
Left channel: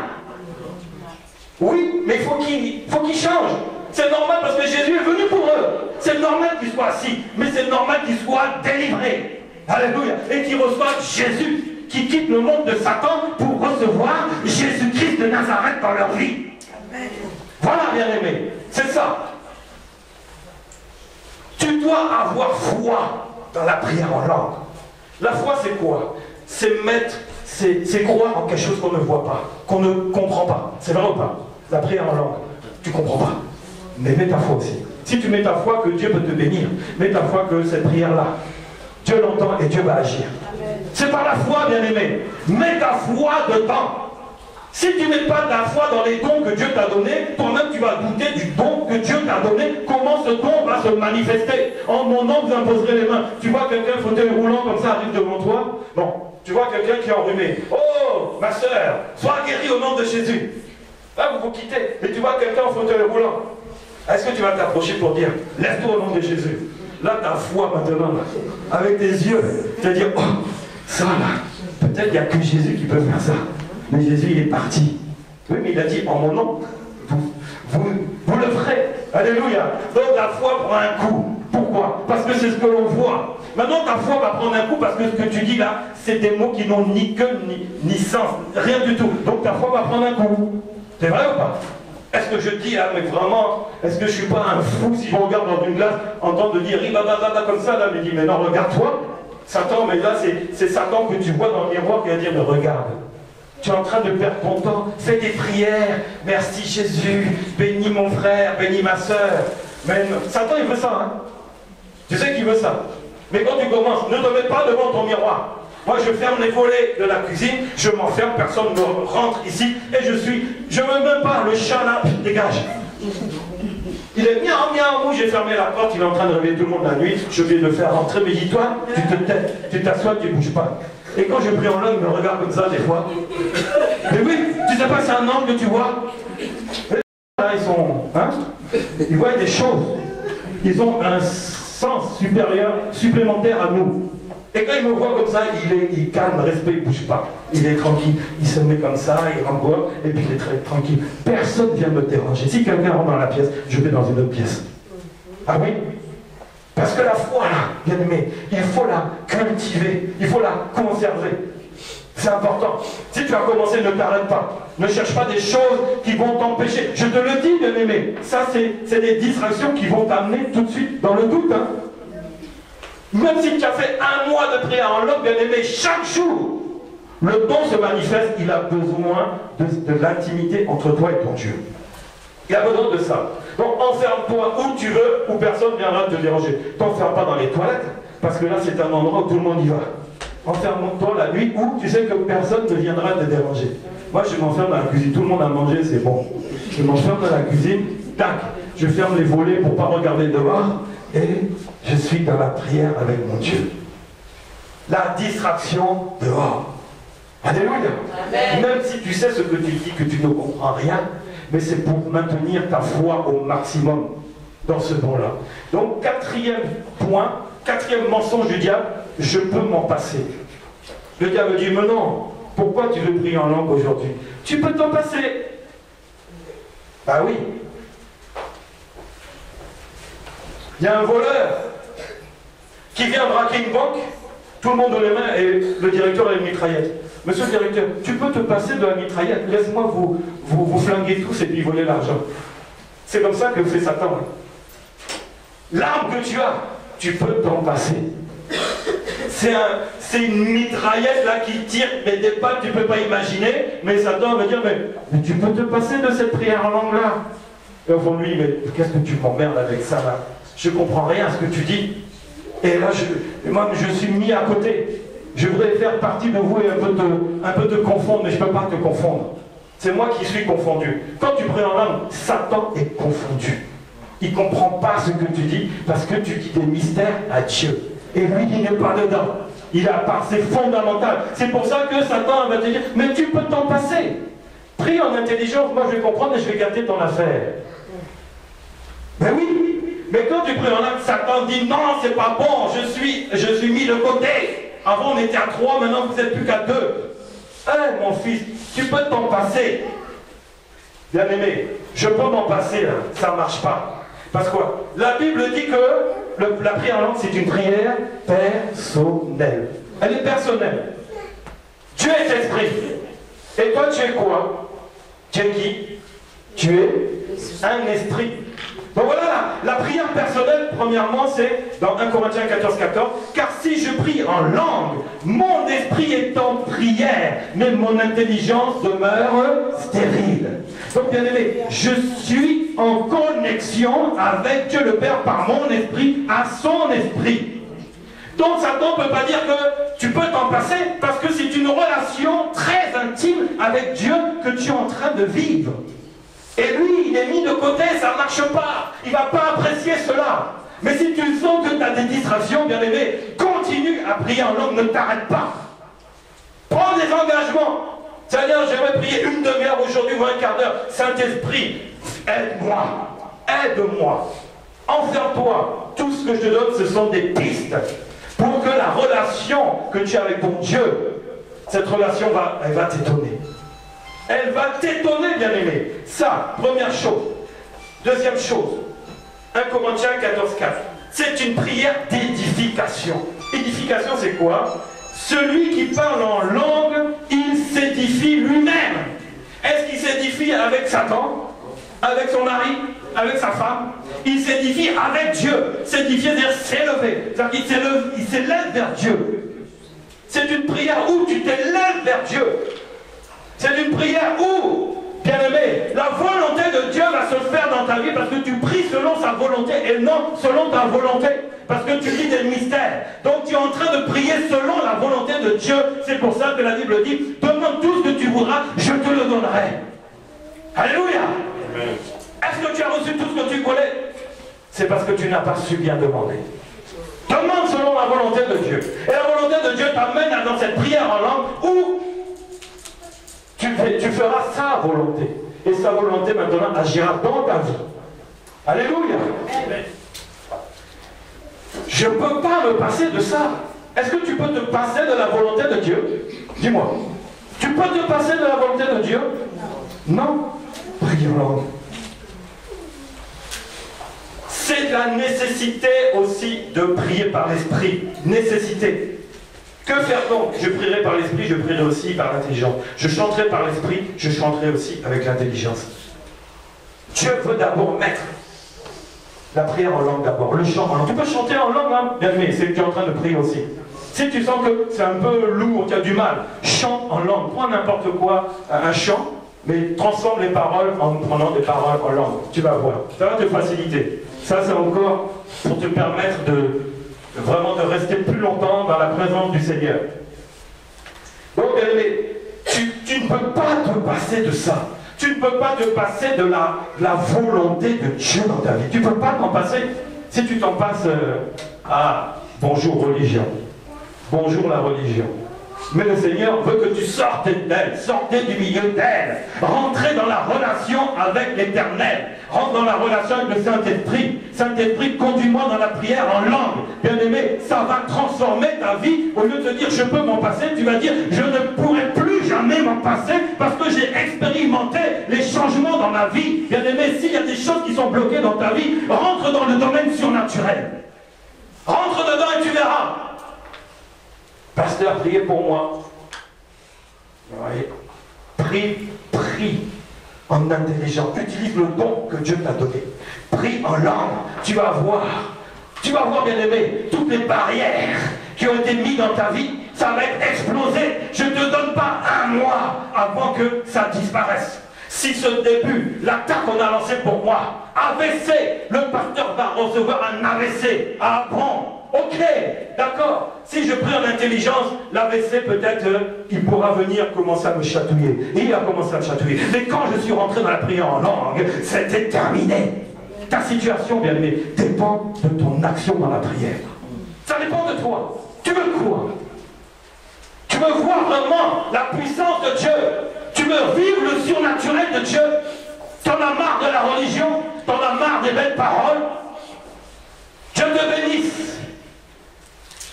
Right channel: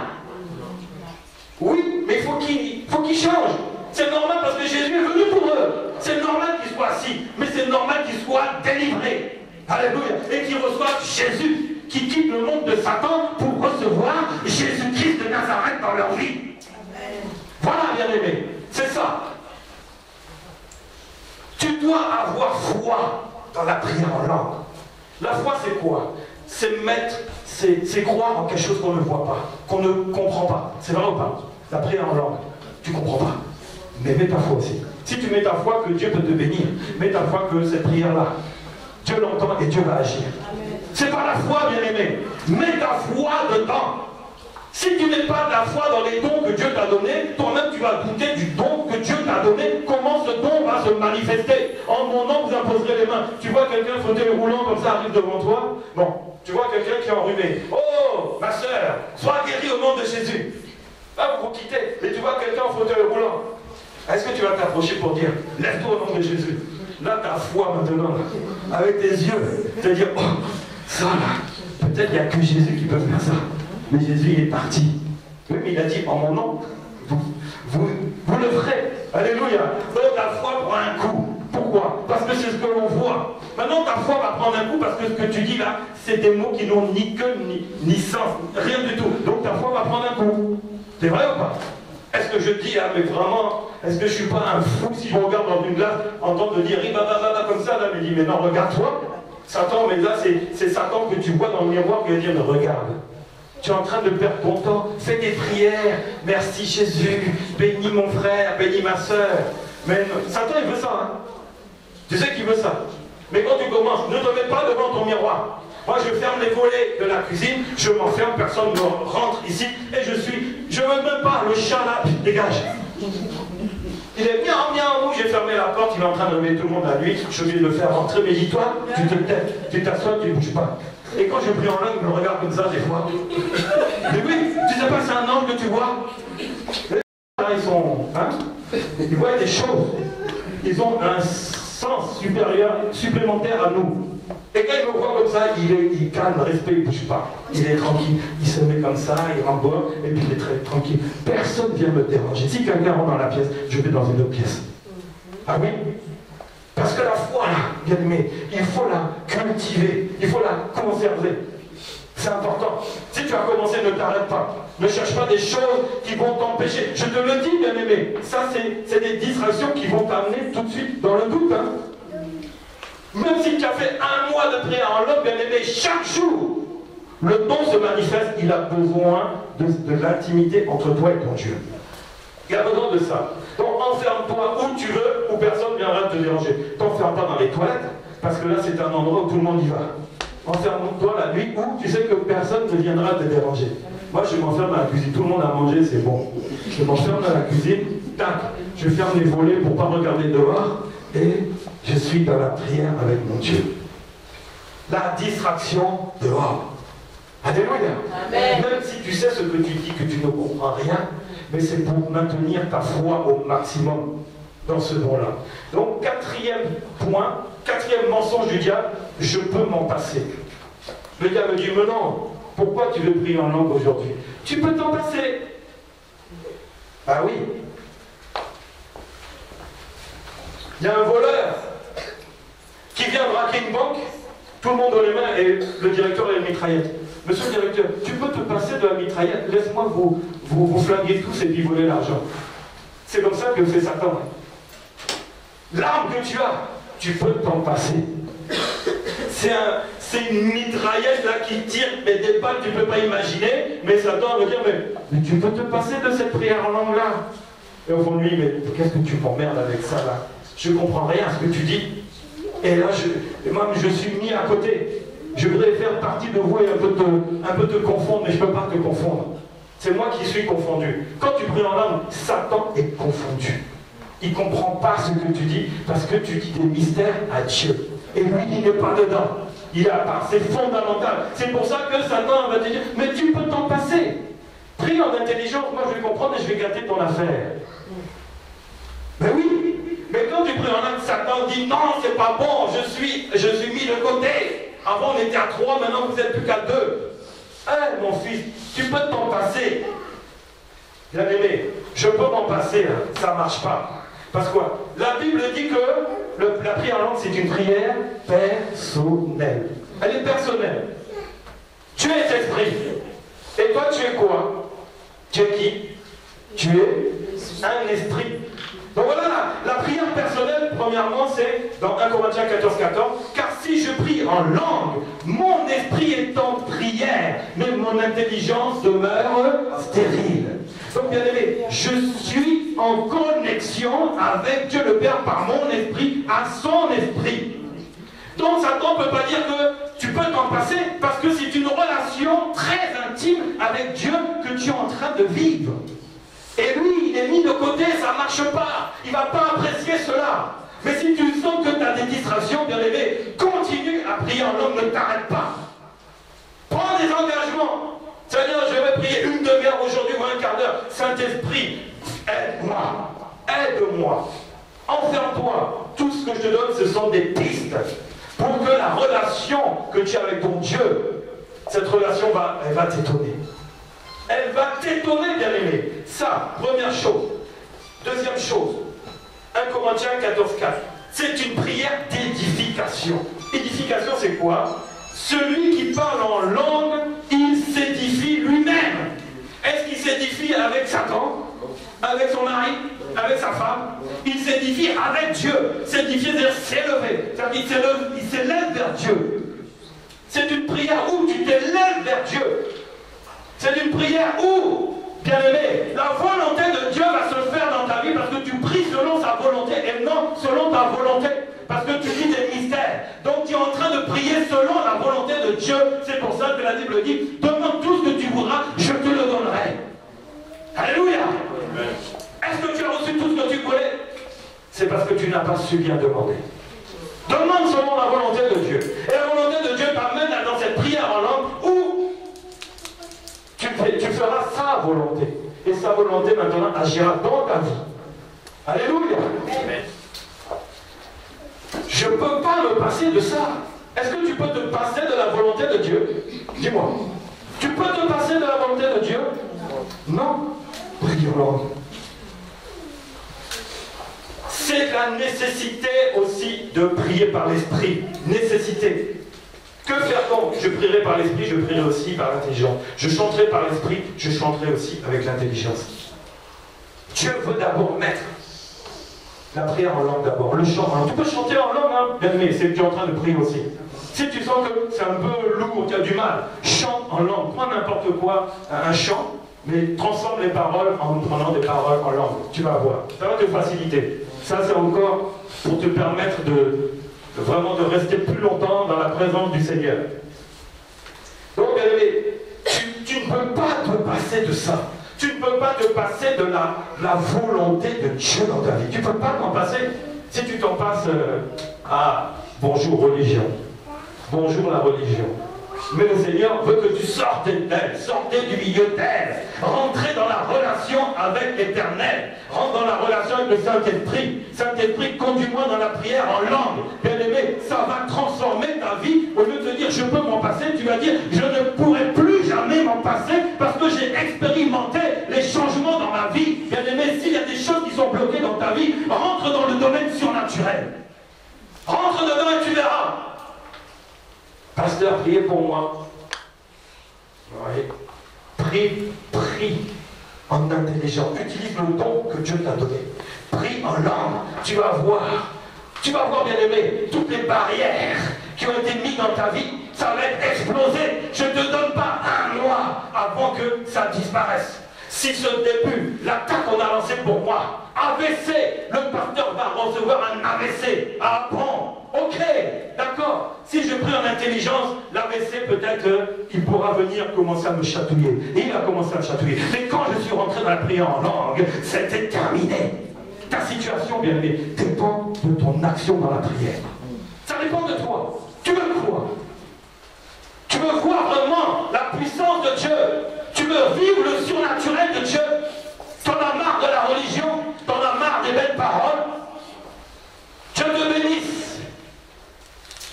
Oui, mais il faut qu'ils changent. C'est normal parce que Jésus est venu pour eux. C'est normal qu'ils soient assis, mais c'est normal qu'ils soient délivrés. Alléluia. Et qu'ils reçoivent Jésus, qui quitte le monde de Satan pour recevoir Jésus-Christ de Nazareth dans leur vie. Amen. Voilà, bien-aimé. C'est ça. Tu dois avoir foi dans la prière en langue. La foi, c'est quoi? C'est mettre, c'est croire en quelque chose qu'on ne voit pas, qu'on ne comprend pas. C'est vrai ou pas? La prière en langue, tu ne comprends pas. Mais mets ta foi aussi. Si tu mets ta foi que Dieu peut te bénir, mets ta foi que cette prière-là, Dieu l'entend et Dieu va agir. C'est par la foi, bien-aimé. Mets ta foi dedans. Si tu n'es pas de la foi dans les dons que Dieu t'a donnés, toi-même tu vas douter du don que Dieu t'a donné. Comment ce don va se manifester? En mon nom, vous imposerez les mains. Tu vois quelqu'un fauteuil roulant comme ça arrive devant toi. Bon, tu vois quelqu'un qui est enrhumé. Oh, ma soeur, sois guérie au nom de Jésus. Là, vous vous quittez. Mais tu vois quelqu'un en fauteuil roulant. Est-ce que tu vas t'approcher pour dire, lève-toi au nom de Jésus? Là, ta foi maintenant, avec tes yeux, tu vas dire, oh, ça là, peut-être il n'y a que Jésus qui peut faire ça. Mais Jésus, il est parti. Oui, mais il a dit, en mon nom, vous le ferez. Alléluia. Donc la foi prend un coup. Pourquoi? Parce que c'est ce que l'on voit. Maintenant, ta foi va prendre un coup parce que ce que tu dis là, c'est des mots qui n'ont ni queue, ni sens, rien du tout. Donc ta foi va prendre un coup. C'est vrai ou pas? Est-ce que je dis là, mais vraiment, est-ce que je ne suis pas un fou si je regarde dans une glace, entendre dire ribababa comme ça, là, mais dis, mais non, regarde-toi. Satan, mais là, c'est Satan que tu vois dans le miroir qui va dire, mais regarde. Tu es en train de perdre ton temps, fais tes prières, merci Jésus, bénis mon frère, bénis ma soeur. Mais Satan, il veut ça, hein. Tu sais qu'il veut ça. Mais quand tu commences, ne te mets pas devant ton miroir. Moi, je ferme les volets de la cuisine, je m'enferme, personne ne rentre ici, et je ne veux même pas, le chat là, dégage. Il est miaou, miaou, j'ai fermé la porte, il est en train de réveiller tout le monde la nuit, je vais le faire rentrer, mais dis-toi, tu te tais, tu t'assois, tu ne bouges pas. Et quand je prie en langue, il me regarde comme ça des fois. Mais oui, tu sais pas, c'est un ange que tu vois. Là, ils sont, hein, ils voient des choses. Ils ont un sens supérieur, supplémentaire à nous. Et quand il me voit comme ça, il calme, respect, il ne bouge pas. Il est tranquille, il se met comme ça, il remboit, et puis il est très tranquille. Personne ne vient me déranger. Si quelqu'un rentre dans la pièce, je vais dans une autre pièce. Ah oui? Parce que la foi, là, bien aimé, il faut la cultiver, il faut la conserver. C'est important. Si tu as commencé, ne t'arrête pas. Ne cherche pas des choses qui vont t'empêcher. Je te le dis, bien aimé, ça c'est des distractions qui vont t'amener tout de suite dans le doute. Hein. Même si tu as fait 1 mois de prière en langue, bien aimé, chaque jour, le don se manifeste, il a besoin de l'intimité entre toi et ton Dieu. Il a besoin de ça. Donc enferme-toi où tu veux, où personne ne viendra te déranger. T'enferme pas dans les toilettes, parce que là c'est un endroit où tout le monde y va. Enferme-toi la nuit où tu sais que personne ne viendra te déranger. Moi je m'enferme dans la cuisine, tout le monde a mangé, c'est bon. Je m'enferme dans la cuisine, tac, je ferme les volets pour ne pas regarder dehors, et je suis dans la prière avec mon Dieu. La distraction dehors. Alléluia. Amen. Même si tu sais ce que tu dis, que tu ne comprends rien, mais c'est pour maintenir ta foi au maximum dans ce don-là. Donc, 4e point, 4e mensonge du diable, je peux m'en passer. Le diable dit, mais non, pourquoi tu veux prier en langue aujourd'hui? Tu peux t'en passer. Ah oui. Il y a un voleur qui vient braquer une banque, tout le monde dans les mains et le directeur a une mitraillette. Monsieur le directeur, tu peux te passer de la mitraillette, laisse-moi vous flinguer tous et puis voler l'argent. C'est comme ça que fait Satan. L'arme que tu as, tu peux t'en passer. C'est une mitraillette là qui tire, mais des balles tu ne peux pas imaginer, mais Satan va dire, mais tu peux te passer de cette prière en langue là. Et au fond de lui, mais qu'est-ce que tu m'emmerdes avec ça là? Je ne comprends rien à ce que tu dis. Et là, moi, je suis mis à côté. Je voudrais faire partie de vous et un peu te confondre, mais je ne peux pas te confondre. C'est moi qui suis confondu. Quand tu pries en langue, Satan est confondu. Il ne comprend pas ce que tu dis parce que tu dis des mystères à Dieu. Et lui, il n'est pas dedans. Il a part, c'est fondamental. C'est pour ça que Satan va te dire, mais tu peux t'en passer. Prie en intelligence, moi je vais comprendre et je vais gâter ton affaire. Ben oui. Mais quand tu pries en langue, Satan dit, non, c'est pas bon, je suis mis de côté. Avant on était à 3, maintenant vous n'êtes plus qu'à 2. Hein, mon fils, tu peux t'en passer. Bien aimé, je peux m'en passer, hein. Ça ne marche pas. Parce que quoi? La Bible dit que la prière en langue, c'est une prière personnelle. Elle est personnelle. Dieu est esprit. Et toi, tu es quoi? Tu es qui? Tu es un esprit. Donc voilà, la prière personnelle, premièrement, c'est dans 1 Corinthiens 14, 14. Car si je prie en langue, mon esprit est en prière, mais mon intelligence demeure stérile. Donc bien aimé, je suis en connexion avec Dieu le Père par mon esprit, à son esprit. Donc Satan ne peut pas dire que tu peux t'en passer, parce que c'est une relation très intime avec Dieu que tu es en train de vivre. Et lui, il est mis de côté, ça ne marche pas. Il ne va pas apprécier cela. Mais si tu sens que tu as des distractions, bien aimé, continue à prier en langue, ne t'arrête pas. Prends des engagements. Seigneur, je vais prier une demi-heure aujourd'hui ou un quart d'heure. Saint-Esprit, aide-moi. Aide-moi. Enferme-toi. Tout ce que je te donne, ce sont des pistes. Pour que la relation que tu as avec ton Dieu, cette relation elle va t'étonner. Elle va t'étonner, bien-aimé. Ça, première chose. Deuxième chose, 1 Corinthiens 14, 4. C'est une prière d'édification. Édification, c'est quoi? Celui qui parle en langue, il s'édifie lui-même. Est-ce qu'il s'édifie avec Satan? Avec son mari? Avec sa femme? Il s'édifie avec Dieu. S'édifier, c'est-à-dire s'élever. C'est-à-dire qu'il s'élève vers Dieu. C'est une prière où tu t'élèves vers Dieu. C'est une prière où, bien aimé, la volonté de Dieu va se faire dans ta vie parce que tu pries selon sa volonté et non selon ta volonté. Parce que tu lis des mystères. Donc tu es en train de prier selon la volonté de Dieu. C'est pour ça que la Bible dit, demande tout ce que tu voudras, je te le donnerai. Alléluia. Est-ce que tu as reçu tout ce que tu voulais? C'est parce que tu n'as pas su bien demander. Demande selon la volonté de Dieu. Et la volonté de Dieu t'amène dans cette prière en langue où tu feras sa volonté. Et sa volonté maintenant agira dans ta vie. Alléluia. Je ne peux pas me passer de ça. Est-ce que tu peux te passer de la volonté de Dieu? Dis-moi. Tu peux te passer de la volonté de Dieu? Non. Prie en langue. c'est la nécessité aussi de prier par l'esprit. Nécessité. Que faire donc? Je prierai par l'esprit, je prierai aussi par l'intelligence. Je chanterai par l'esprit, je chanterai aussi avec l'intelligence. Dieu veut d'abord mettre la prière en langue d'abord, le chant en langue. Tu peux chanter en langue, hein? Bien aimé, c'est que tu es en train de prier aussi. Si tu sens que c'est un peu lourd, tu as du mal, chante en langue. Prends n'importe quoi, un chant, mais transforme les paroles en prenant des paroles en langue. Tu vas voir. Ça va te faciliter. Ça, c'est encore pour te permettre de vraiment de rester plus longtemps dans la présence du Seigneur. Donc, bien aimé, tu ne peux pas te passer de ça. Tu ne peux pas te passer de la volonté de Dieu dans ta vie. Tu ne peux pas t'en passer. Si tu t'en passes bonjour religion. Bonjour la religion. Mais le Seigneur veut que tu sortes d'elle, sortez du milieu d'elle, rentrez dans la relation avec l'Éternel, rentre dans la relation avec le Saint-Esprit. Saint-Esprit, conduis-moi dans la prière en langue. Bien-aimé, ça va transformer ta vie. Au lieu de te dire je peux m'en passer, tu vas dire je ne pourrai plus jamais m'en passer parce que j'ai expérimenté les changements dans ma vie. Bien-aimé, s'il y a des choses qui sont bloquées dans ta vie, rentre dans le domaine surnaturel. Rentre dedans et tu verras. Pasteur, priez pour moi. Oui. Prie en intelligence. Utilise le don que Dieu t'a donné. Prie en langue. Tu vas voir, bien aimé, toutes les barrières qui ont été mises dans ta vie, ça va être explosé. Je ne te donne pas un mois avant que ça disparaisse. Si ce début, l'attaque qu'on a lancée pour moi, AVC, le pasteur va recevoir un AVC. Ah bon? Ok, d'accord. Si je prie en intelligence, l'AVC peut-être il pourra venir commencer à me chatouiller. Et il a commencé à me chatouiller. Mais quand je suis rentré dans la prière en langue, c'était terminé. Ta situation, bien aimé, dépend de ton action dans la prière. Ça dépend de toi. Tu veux quoi? Tu veux voir vraiment la puissance de Dieu? Tu veux vivre le surnaturel de Dieu? T'en as marre de la religion? T'en as marre des belles paroles? Dieu te bénisse.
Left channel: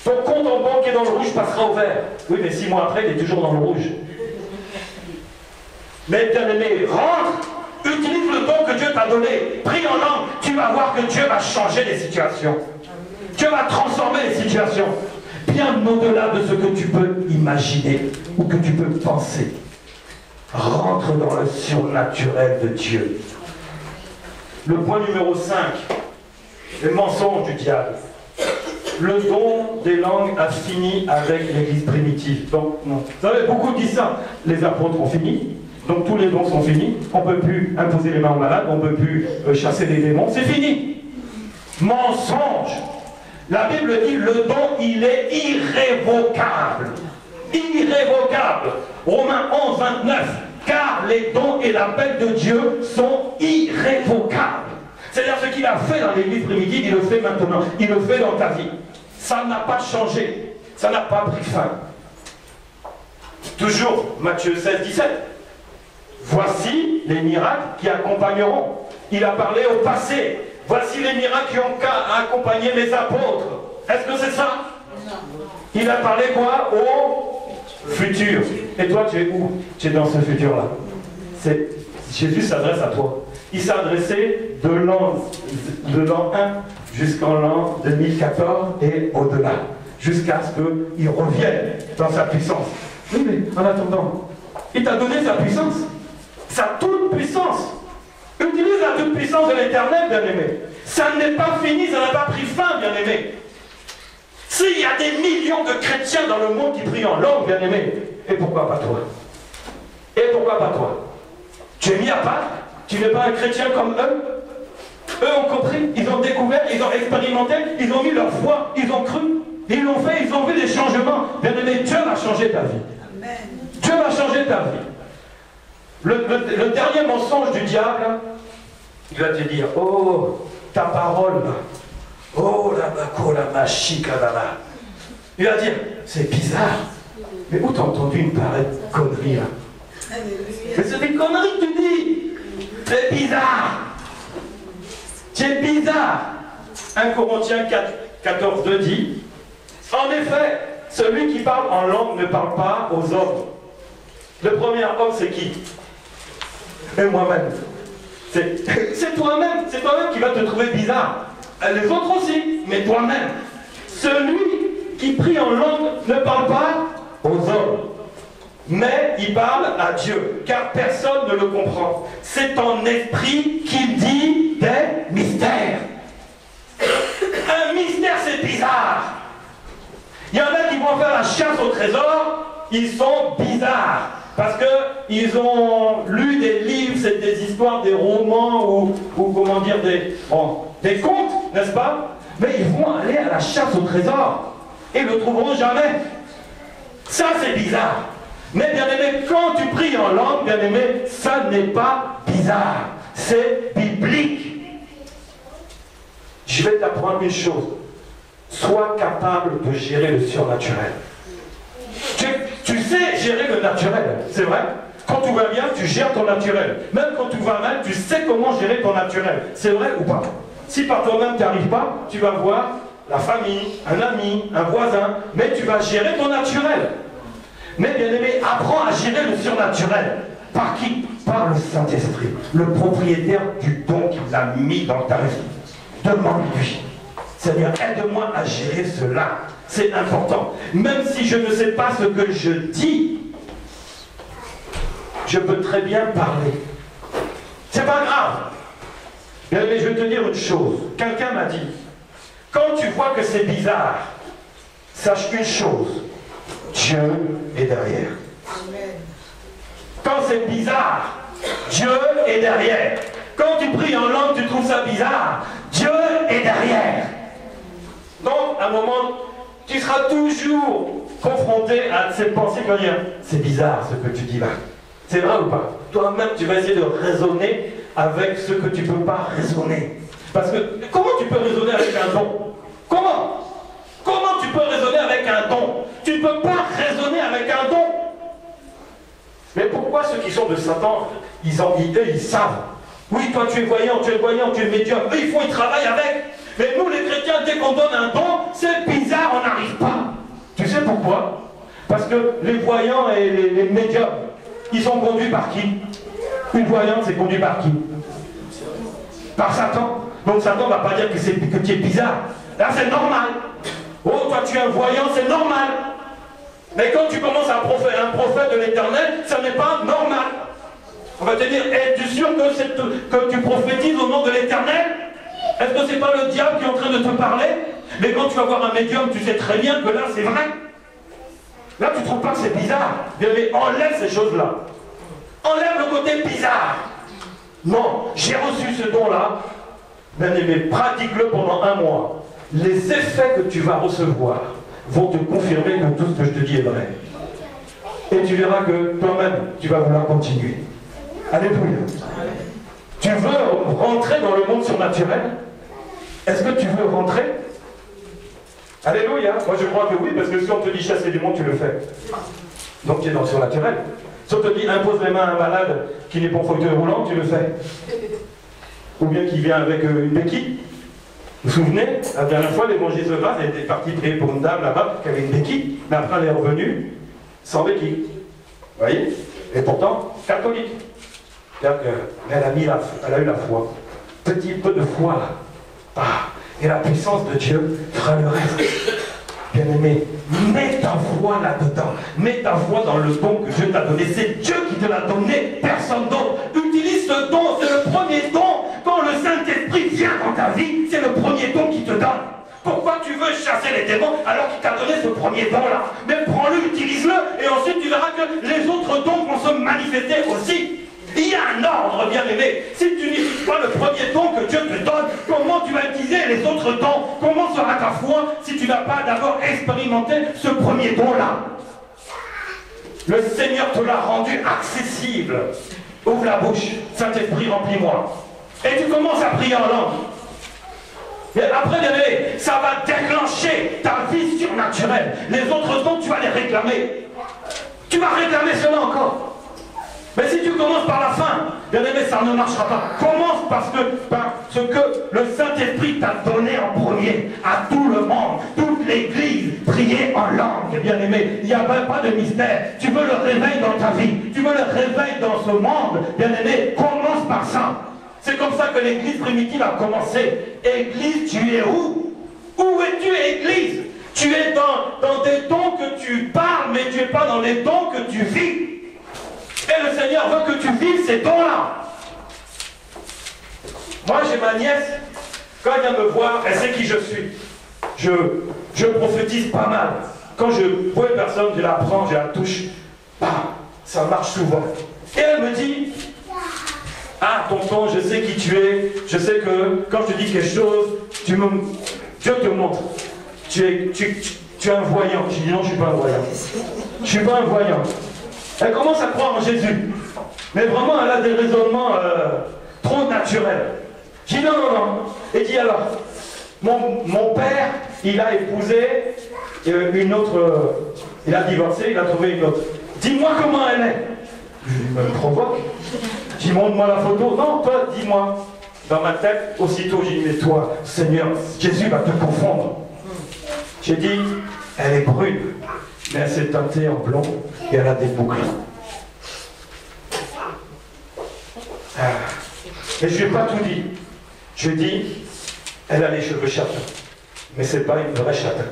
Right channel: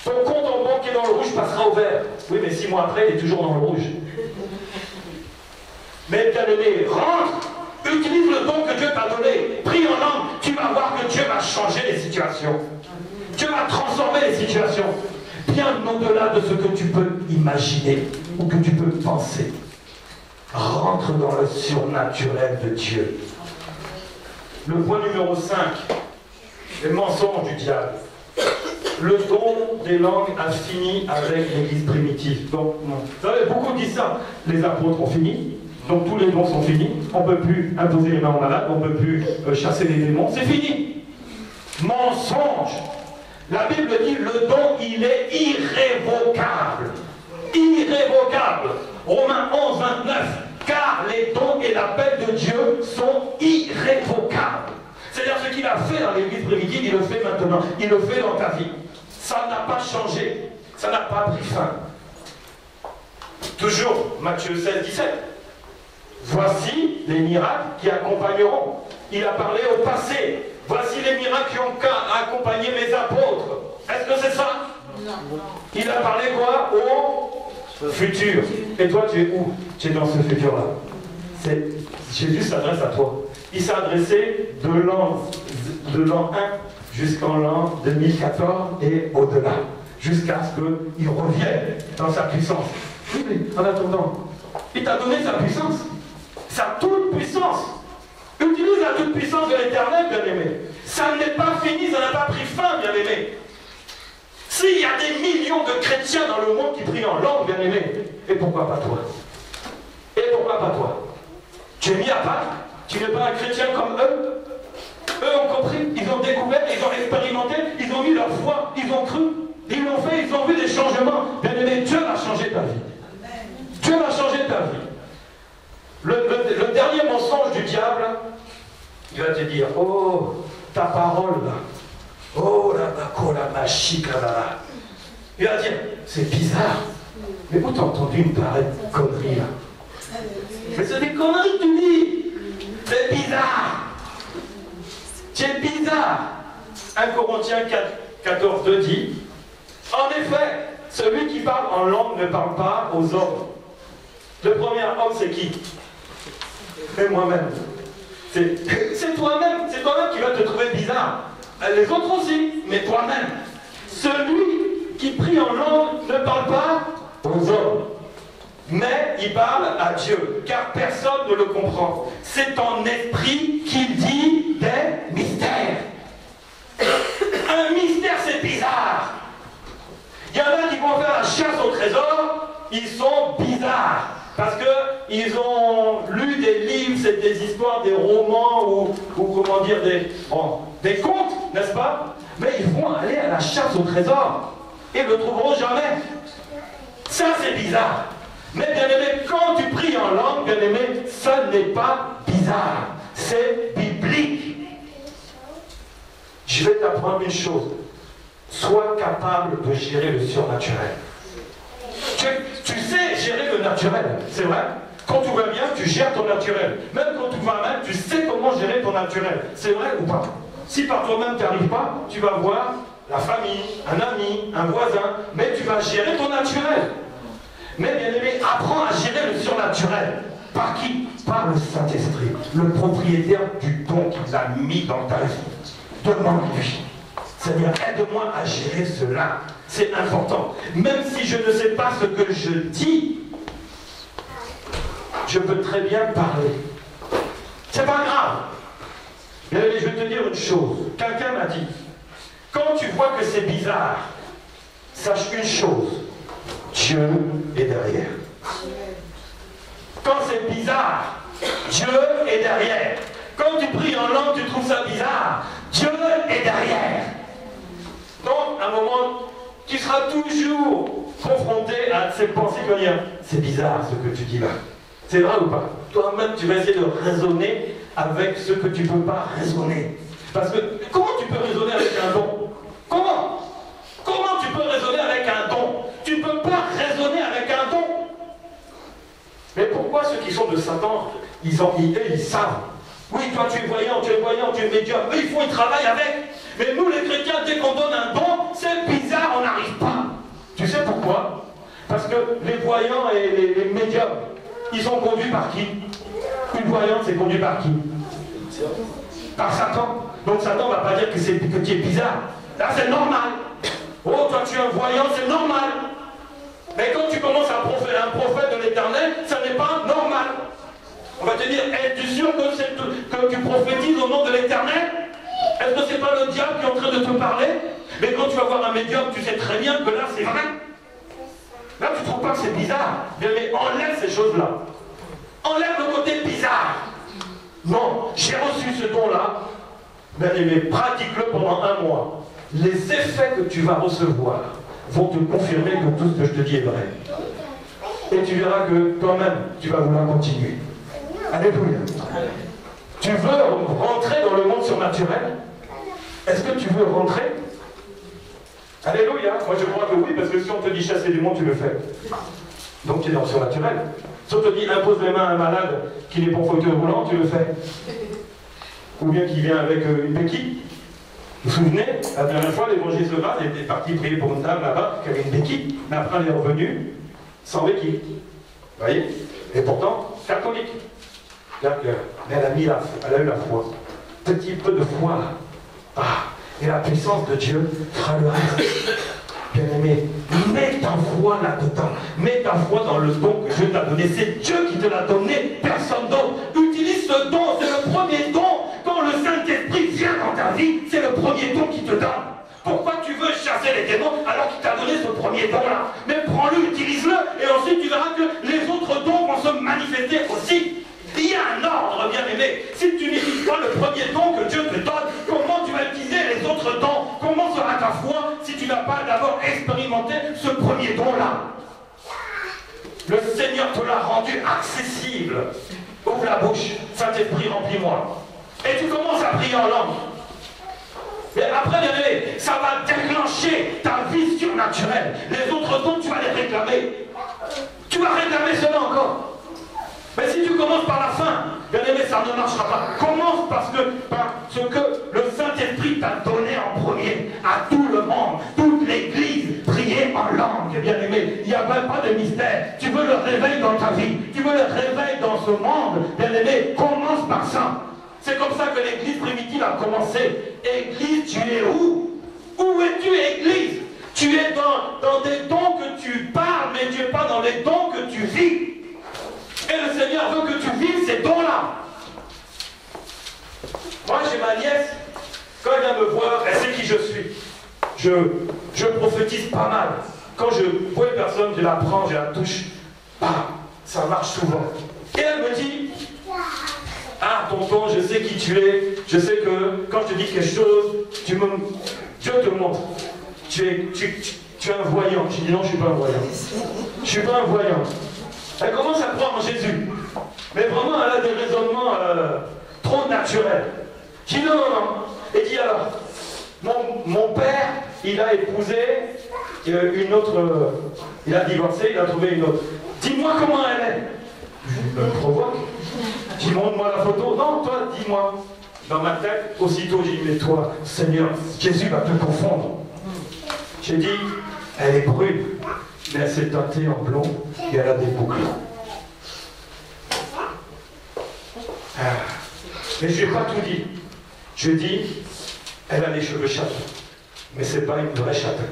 Ton compte en banque est dans le rouge, passera au vert. Oui, mais 6 mois après, il est toujours dans le rouge. Mais bien aimé, rentre, utilise le don que Dieu t'a donné. Prie en langue, tu vas voir que Dieu va changer les situations. Dieu va transformer les situations. Bien au-delà de ce que tu peux imaginer ou que tu peux penser. Rentre dans le surnaturel de Dieu. Le point numéro 5, les mensonges du diable. Le don des langues a fini avec l'église primitive. Donc, non. Vous savez, beaucoup disent ça. Les apôtres ont fini. Donc, tous les dons sont finis. On ne peut plus imposer les mains aux malades. On ne peut plus chasser les démons. C'est fini. Mensonge. La Bible dit le don, il est irrévocable. Irrévocable. Romains 11, 29. Car les dons et l'appel de Dieu sont irrévocables. C'est-à-dire ce qu'il a fait dans l'église primitive, il le fait maintenant. Il le fait dans ta vie. Ça n'a pas changé. Ça n'a pas pris fin. Toujours Matthieu 16, 17. Voici les miracles qui accompagneront. Il a parlé au passé. Voici les miracles qui ont accompagné mes apôtres. Est-ce que c'est ça? Non. Il a parlé quoi? Au futur. Et toi, tu es où? Tu es dans ce futur-là. Jésus s'adresse à toi. Il s'est adressé de l'an 1 jusqu'en l'an 2014 et au-delà, jusqu'à ce qu'il revienne dans sa puissance. Oui, mais en attendant, il t'a donné sa puissance, sa toute puissance. Utilise la toute puissance de l'Éternel, bien-aimé. Ça n'est pas fini, ça n'a pas pris fin, bien-aimé. S'il y a des millions de chrétiens dans le monde qui prient en langue, bien-aimé, et pourquoi pas toi? Et pourquoi pas toi? Tu es mis à part? Tu n'es pas un chrétien comme eux? Eux ont compris, ils ont découvert, ils ont expérimenté, ils ont mis leur foi, ils ont cru, ils l'ont fait, ils ont vu des changements. Bien aimé, Dieu va changer ta vie. Dieu va changer ta vie. Le dernier mensonge du diable, il va te dire, oh, ta parole, oh, la machika, là. Il va dire, c'est bizarre. Mais où t'as entendu une pareille connerie là? Mais c'est des conneries que tu dis. C'est bizarre. C'est bizarre. 1 Corinthiens 14, 2 dit, en effet, celui qui parle en langue ne parle pas aux hommes. Le premier homme, c'est qui? C'est moi-même. C'est toi-même qui va te trouver bizarre. Les autres aussi, mais toi-même. Celui qui prie en langue ne parle pas aux hommes, mais il parle à Dieu, car personne ne le comprend. C'est en esprit qu'il dit des mystères. Un mystère, c'est bizarre. Il y en a qui vont faire la chasse au trésor, ils sont bizarres. Parce qu'ils ont lu des livres, c'est des histoires, des romans, ou comment dire, des contes, n'est-ce pas? Mais ils vont aller à la chasse au trésor, et ne le trouveront jamais. Ça, c'est bizarre. Mais bien aimé, quand tu pries en langue, bien aimé, ça n'est pas bizarre. C'est biblique. Je vais t'apprendre une chose. Sois capable de gérer le surnaturel. Tu sais gérer le naturel, c'est vrai. Quand tout va bien, tu gères ton naturel. Même quand tout va mal, tu sais comment gérer ton naturel. C'est vrai ou pas? Si par toi-même tu n'y arrives pas, tu vas voir la famille, un ami, un voisin, mais tu vas gérer ton naturel. Mais bien aimé, apprends à gérer le surnaturel. Par qui? Par le Saint-Esprit, le propriétaire du don qu'il a mis dans ta vie. Demande-lui. Seigneur, aide-moi à gérer cela. C'est important. Même si je ne sais pas ce que je dis, je peux très bien parler. C'est pas grave. Mais je vais te dire une chose. Quelqu'un m'a dit, quand tu vois que c'est bizarre, sache une chose. Dieu est derrière. Quand c'est bizarre, Dieu est derrière. Quand tu pries en langue, tu trouves ça bizarre, Dieu est derrière. Donc, à un moment, tu seras toujours confronté à ces pensées qui vont dire, c'est bizarre ce que tu dis là. C'est vrai ou pas? Toi-même, tu vas essayer de raisonner avec ce que tu ne peux pas raisonner. Parce que, comment tu peux raisonner avec un don? Comment? Comment tu peux raisonner avec un don? Tu ne peux pas raisonner avec un don. Mais pourquoi ceux qui sont de Satan, ils savent? Oui, toi tu es voyant, tu es médium. Eux, ils travaillent avec. Mais nous, les chrétiens, dès qu'on donne un don, c'est bizarre, on n'arrive pas. Tu sais pourquoi? Parce que les voyants et les médiums, ils sont conduits par qui? Une voyante, c'est conduit par qui? Par Satan. Donc Satan ne va pas dire que tu es bizarre. Là, c'est normal. Oh, toi, tu es un voyant, c'est normal. Mais quand tu commences à un prophète de l'Éternel, ça n'est pas normal. On va te dire, es-tu sûr que tu prophétises au nom de l'Éternel? Est-ce que c'est pas le diable qui est en train de te parler? Mais quand tu vas voir un médium, tu sais très bien que là, c'est vrai. Là, tu ne trouves pas que c'est bizarre. Bien, mais enlève ces choses-là. Enlève le côté bizarre. Non, j'ai reçu ce don-là. Bien aimé, pratique-le pendant 1 mois. Les effets que tu vas recevoir vont te confirmer que tout ce que je te dis est vrai. Et tu verras que toi-même, tu vas vouloir continuer. Alléluia. Tu veux rentrer dans le monde surnaturel? Est-ce que tu veux rentrer? Alléluia. Moi je crois que oui, parce que si on te dit chasser du monde, tu le fais. Donc tu es dans le surnaturel. Si on te dit impose les mains à un malade qui n'est pas en fauteuil roulant, tu le fais. Ou bien qui vient avec une béquille. Vous vous souvenez, la dernière fois, l'évangile de Vase était parti prier pour une dame là-bas qui avait une béquille, mais après elle est revenue sans béquille. Vous voyez? Et pourtant, catholique. Mais elle a eu la foi. Petit peu de foi là. Ah, et la puissance de Dieu fera le reste. Bien aimé, mets ta foi là-dedans. Mets ta foi dans le don que Dieu t'a donné. C'est Dieu qui te l'a donné, personne d'autre. Utilise ce don, c'est le premier don. Quand le Saint-Esprit vient dans ta vie, c'est le premier don qu'il te donne. Pourquoi tu veux chasser les démons alors qu'il t'a donné ce premier don-là? Mais prends-le, utilise-le, et ensuite tu verras que les autres dons vont se manifester aussi. Il y a un ordre, bien aimé. Si tu n'utilises pas le premier don que Dieu te donne, comment tu vas utiliser les autres dons? Comment sera ta foi si tu n'as pas d'abord expérimenté ce premier don-là? Le Seigneur te l'a rendu accessible. Ouvre la bouche, Saint-Esprit, remplis-moi. Et tu commences à prier en langue. Et après, bien aimé, ça va déclencher ta vie surnaturelle. Les autres dons, tu vas les réclamer. Tu vas réclamer cela encore. Mais si tu commences par la fin, bien aimé, ça ne marchera pas. Commence par ce que le Saint-Esprit t'a donné en premier à tout le monde, toute l'Église, prier en langue, bien aimé. Il n'y a pas de mystère. Tu veux le réveil dans ta vie, tu veux le réveil dans ce monde, bien aimé, commence par ça. C'est comme ça que l'église primitive a commencé. Église, tu es où? Où es-tu, église? Tu es dans des dons que tu parles, mais tu n'es pas dans les dons que tu vis. Et le Seigneur veut que tu vives ces dons-là. Moi, j'ai ma nièce, quand elle vient me voir, elle sait qui je suis. Je prophétise pas mal. Quand je vois une personne, je la prends, je la touche, bam, ça marche souvent. Et elle me dit, ah, tonton, je sais qui tu es, je sais que quand je te dis quelque chose, Dieu te montre. Tu es un voyant. Je dis non, je ne suis pas un voyant. Je ne suis pas un voyant. Elle commence à croire en Jésus. Mais vraiment, elle a des raisonnements trop naturels. Je dis non, non, non. Et dit alors, mon père, il a épousé une autre, il a divorcé, il a trouvé une autre. Dis-moi comment elle est. Je me provoque. Je dis, montre-moi la photo. Non, toi, dis-moi. Dans ma tête, aussitôt, j'ai dit, mais toi, Seigneur, Jésus va te confondre. J'ai dit, elle est brune, mais elle s'est teintée en blond et elle a des boucles. Mais je ne lui ai pas tout dit. Je lui ai dit, elle a les cheveux châtains, mais ce n'est pas une vraie châtain.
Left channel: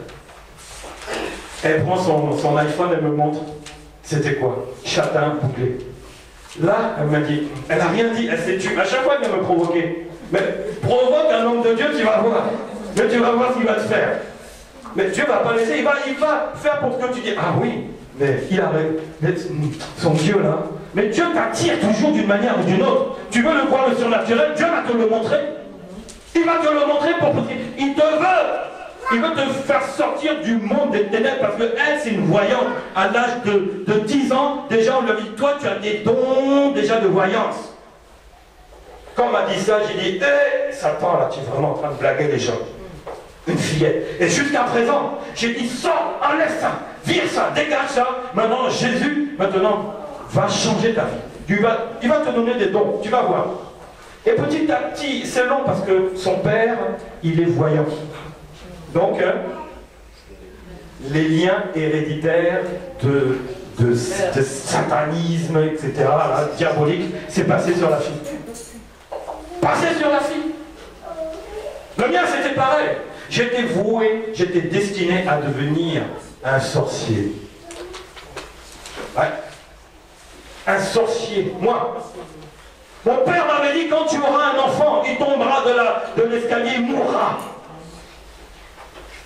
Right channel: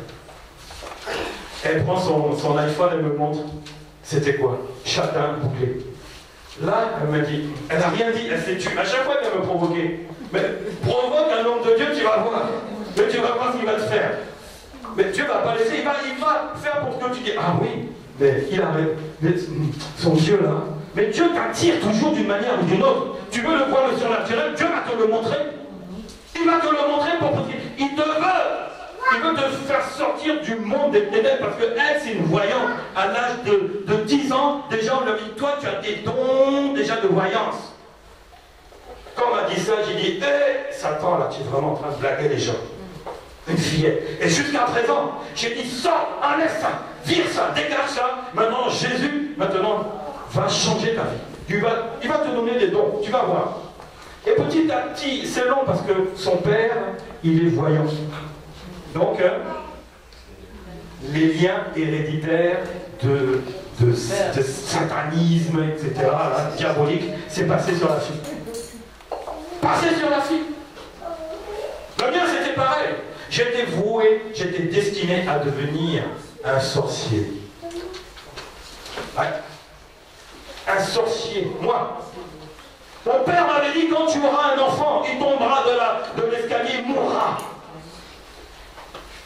Elle prend son iPhone et me montre, c'était quoi? Châtain bouclé. Là, elle m'a dit, elle n'a rien dit, elle s'est tue. À chaque fois, elle vient me provoquer. Mais provoque un homme de Dieu, tu vas voir. Mais tu vas voir ce qu'il va te faire. Mais Dieu ne va pas laisser, il va faire pour que tu dis, ah oui, mais il arrive, son Dieu là. Mais Dieu t'attire toujours d'une manière ou d'une autre. Tu veux le voir le surnaturel, Dieu va te le montrer. Il va te le montrer il te veut. Il veut te faire sortir du monde des ténèbres parce qu'elle, c'est une voyante. À l'âge de 10 ans, déjà on lui dit, toi tu as des dons déjà de voyance. Quand on m'a dit ça, j'ai dit, hé, Satan là, tu es vraiment en train de blaguer les gens. Une fillette. Et jusqu'à présent, j'ai dit, sors, enlève ça, vire ça, dégage ça. Maintenant, Jésus, va changer ta vie. Il va te donner des dons, tu vas voir. Et petit à petit, c'est long parce que son père, il est voyant. Donc, les liens héréditaires de satanisme, etc., là, diabolique, c'est passé sur la fille. Passé sur la fille. Le mien, c'était pareil. J'étais voué, j'étais destiné à devenir un sorcier. Ouais. Un sorcier. Moi. Mon père m'avait dit, quand tu auras un enfant, il tombera de l'escalier, il mourra.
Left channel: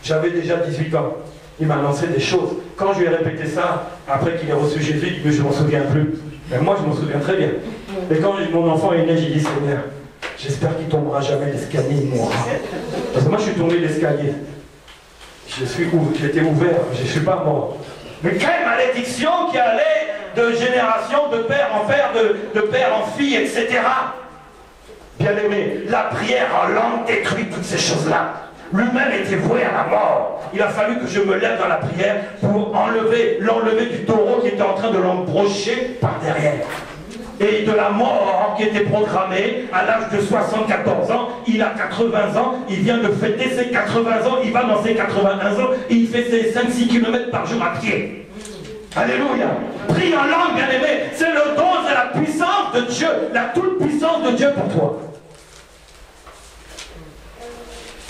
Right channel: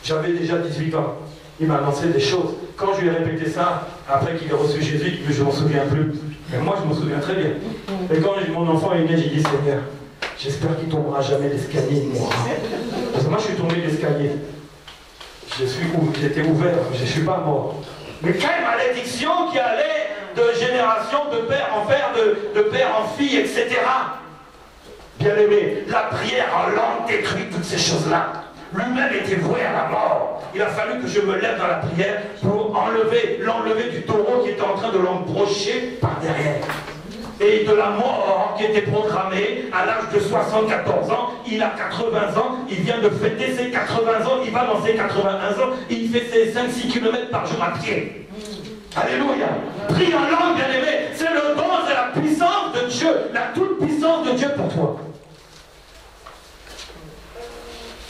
J'avais déjà 18 ans. Il m'a annoncé des choses. Quand je lui ai répété ça, après qu'il ait reçu Jésus, je ne m'en souviens plus. Mais moi, je m'en souviens très bien. Et quand mon enfant est né, j'ai dit, Seigneur, j'espère qu'il ne tombera jamais l'escalier, il mourra. Parce que moi, je suis tombé de l'escalier. J'étais ouvert, je ne suis pas mort. Mais quelle malédiction qui allait de génération, de père en père, de père en fille, etc. Bien-aimé, la prière en langue détruit toutes ces choses-là. Lui-même était voué à la mort. Il a fallu que je me lève dans la prière pour l'enlever du taureau qui était en train de l'embrocher par derrière. Et de la mort qui était programmée à l'âge de 74 ans, il a 80 ans, il vient de fêter ses 80 ans, il va dans ses 81 ans, et il fait ses 5-6 km par jour à pied. Alléluia. Prie en langue, bien-aimé, c'est le don, c'est la puissance de Dieu, la toute-puissance de Dieu pour toi.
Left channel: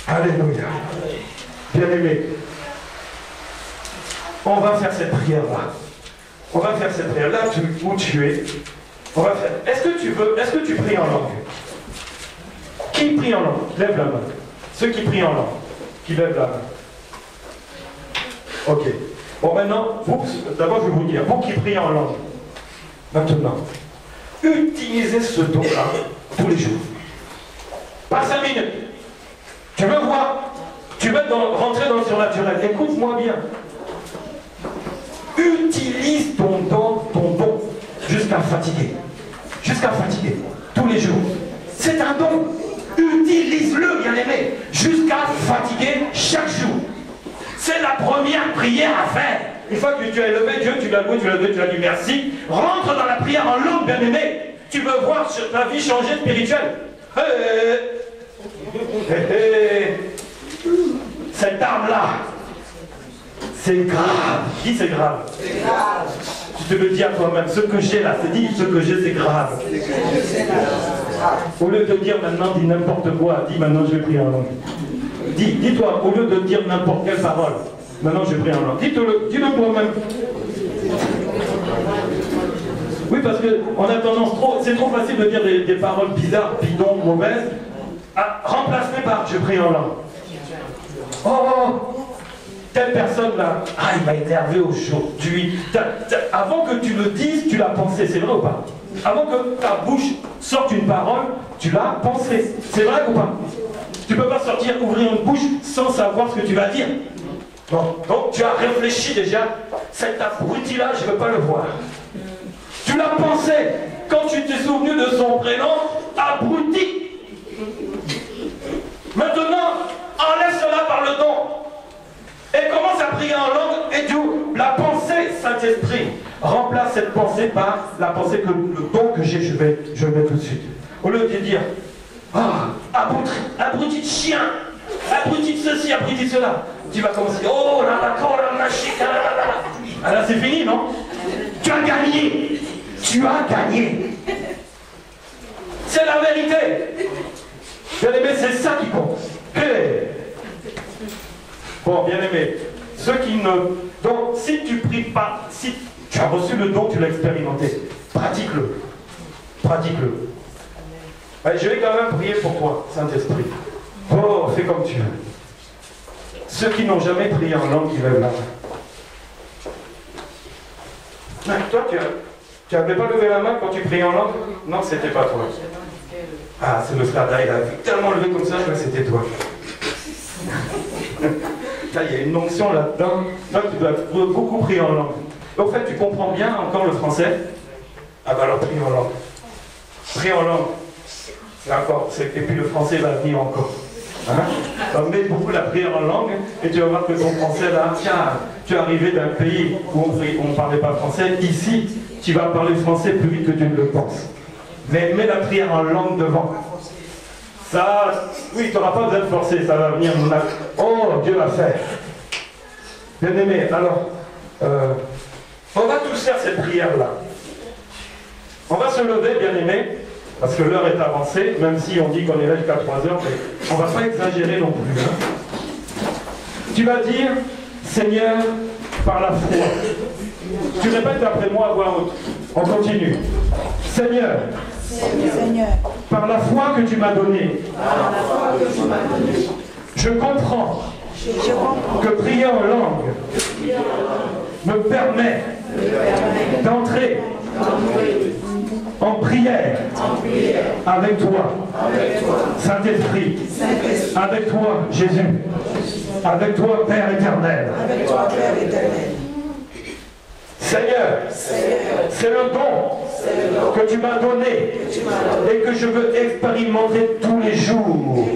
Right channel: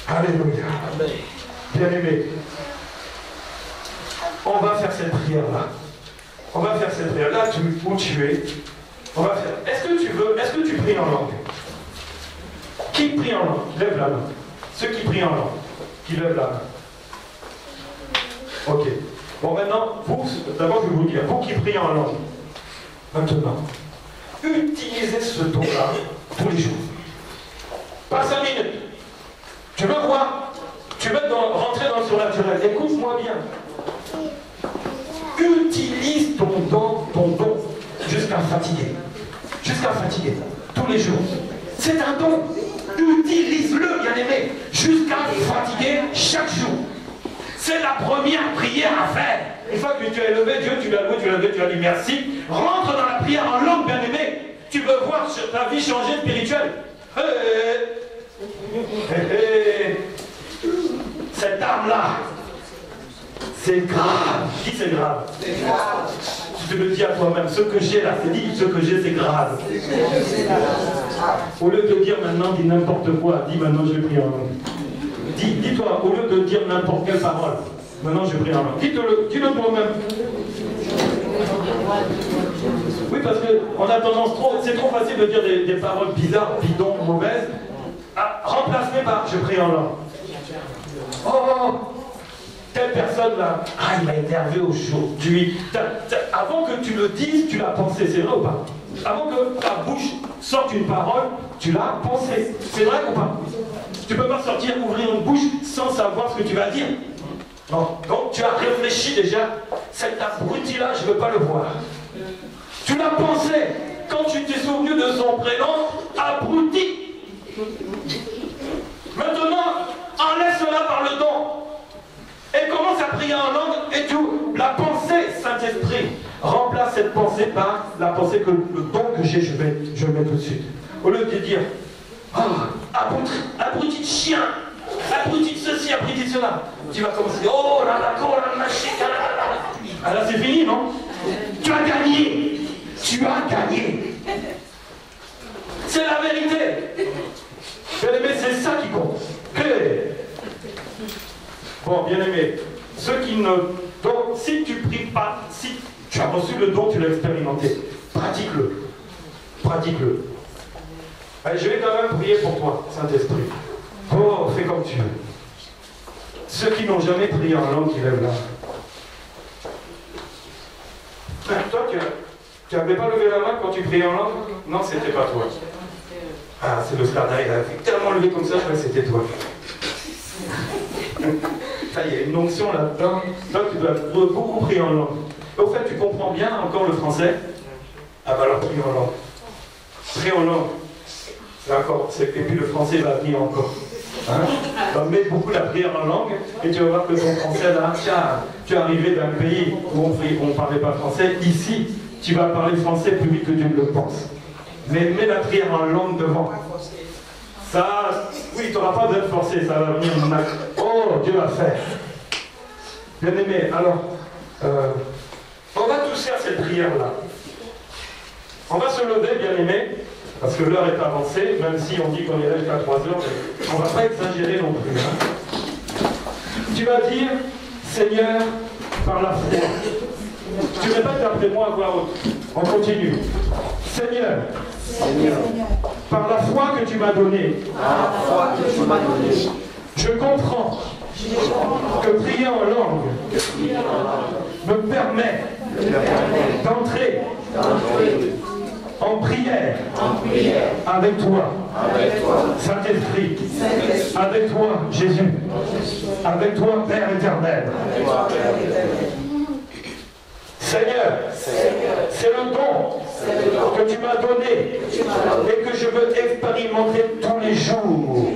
Alléluia. Bien-aimé, on va faire cette prière-là. On va faire cette prière-là, où tu es. On va faire. Est-ce que tu pries en langue? Qui prie en langue? Lève la main. Ceux qui prient en langue, qui lèvent la main. Ok. Bon, maintenant, d'abord je vais vous dire, vous qui priez en langue, maintenant, utilisez ce don-là tous les jours. Pas 5 minutes. Tu veux voir? Tu veux rentrer dans le surnaturel. Écoute-moi bien. Utilise ton don, jusqu'à fatiguer. Jusqu'à fatiguer. Tous les jours. C'est un don. Utilise-le, bien-aimé. Jusqu'à fatiguer chaque jour. C'est la première prière à faire. Une fois que tu as élevé Dieu, tu l'as loué, tu l'as dit merci. Rentre dans la prière en langue, bien-aimé. Tu veux voir ta vie changer spirituelle. Cette arme-là, c'est grave. Dis c'est grave. C'est grave. Tu te le dis à toi-même. Ce que j'ai là, c'est dit, ce que j'ai, c'est grave. Au lieu de dire maintenant, dis n'importe quoi, dis maintenant je vais prier en langue. Dis-toi, au lieu de dire n'importe quelle parole, maintenant je prie en langue. Dis-le toi-même. Oui, parce qu'on a tendance c'est trop facile de dire des paroles bizarres, bidons, mauvaises. Ah, remplace-les par je prie en langue. Oh, telle personne là, il m'a énervé aujourd'hui. Avant que tu le dises, tu l'as pensé, c'est vrai ou pas? Avant que ta bouche sorte une parole, tu l'as pensé. C'est vrai ou pas? Tu ne peux pas ouvrir une bouche sans savoir ce que tu vas dire. Non. Donc tu as réfléchi déjà. Cet abruti-là, je ne veux pas le voir. Tu l'as pensé. Quand tu t'es souvenu de son prénom, abruti. Maintenant, enlève cela par le don. Et commence à prier en langue et tout. La pensée, Saint-Esprit, remplace cette pensée par la pensée que le don que j'ai, je vais tout de suite. Au lieu de dire, abruti de chien, abruti de ceci, abruti de cela. Tu vas commencer, oh là là, ah là c'est fini, non? Tu as gagné. Tu as gagné. C'est la vérité. Bien-aimé, c'est ça qui compte. Bon, bien-aimé, ceux qui ne... Donc, si tu pries pas, si tu as reçu le don, tu l'as expérimenté, pratique-le. Pratique-le. Allez, je vais quand même prier pour toi, Saint-Esprit. Oh, fais comme tu veux. Ceux qui n'ont jamais prié en langue, qui lèvent la main. Toi, tu n'avais pas levé la main quand tu priais en langue? Non, c'était pas toi. Ah, c'est le Slarda, il a tellement levé comme ça que c'était toi. Là, il y a une onction là-dedans. Toi, tu dois beaucoup prier en langue. Au fait, tu comprends bien encore le français? Ah bah alors, prie en langue. Prie en langue. D'accord. Et puis le français va venir encore. Hein? Donc, mets beaucoup la prière en langue et tu vas voir que ton français là, tiens, tu es arrivé d'un pays où on ne parlait pas français. Ici, tu vas parler français plus vite que tu ne le penses. Mais mets la prière en langue devant. Ça, oui, tu n'auras pas besoin de forcer, ça va venir. Oh, Dieu l'a fait. Bien aimé, alors, on va tous faire cette prière-là. On va se lever, bien aimé, parce que l'heure est avancée, même si on dit qu'on est là jusqu'à 3 heures, mais on ne va pas exagérer non plus. Hein. Tu vas dire, Seigneur, par la foi. Tu répètes après moi à voix haute. On continue. Seigneur, par la foi que tu m'as donnée, je comprends que prier en langue me permet d'entrer en prière avec toi, Saint-Esprit, avec toi, Jésus, avec toi, Père éternel. Seigneur, c'est le don que tu m'as donné et que je veux expérimenter tous les jours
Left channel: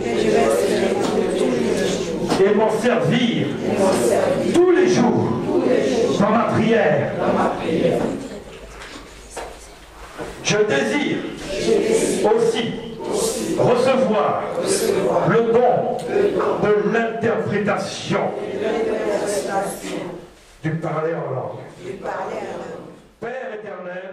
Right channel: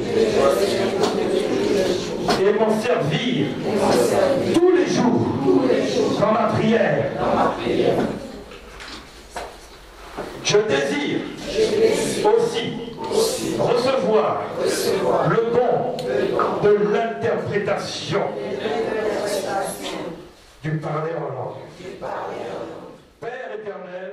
et m'en servir tous les jours dans ma prière. Je désire aussi recevoir le don de l'interprétation du parler en langue. Père éternel,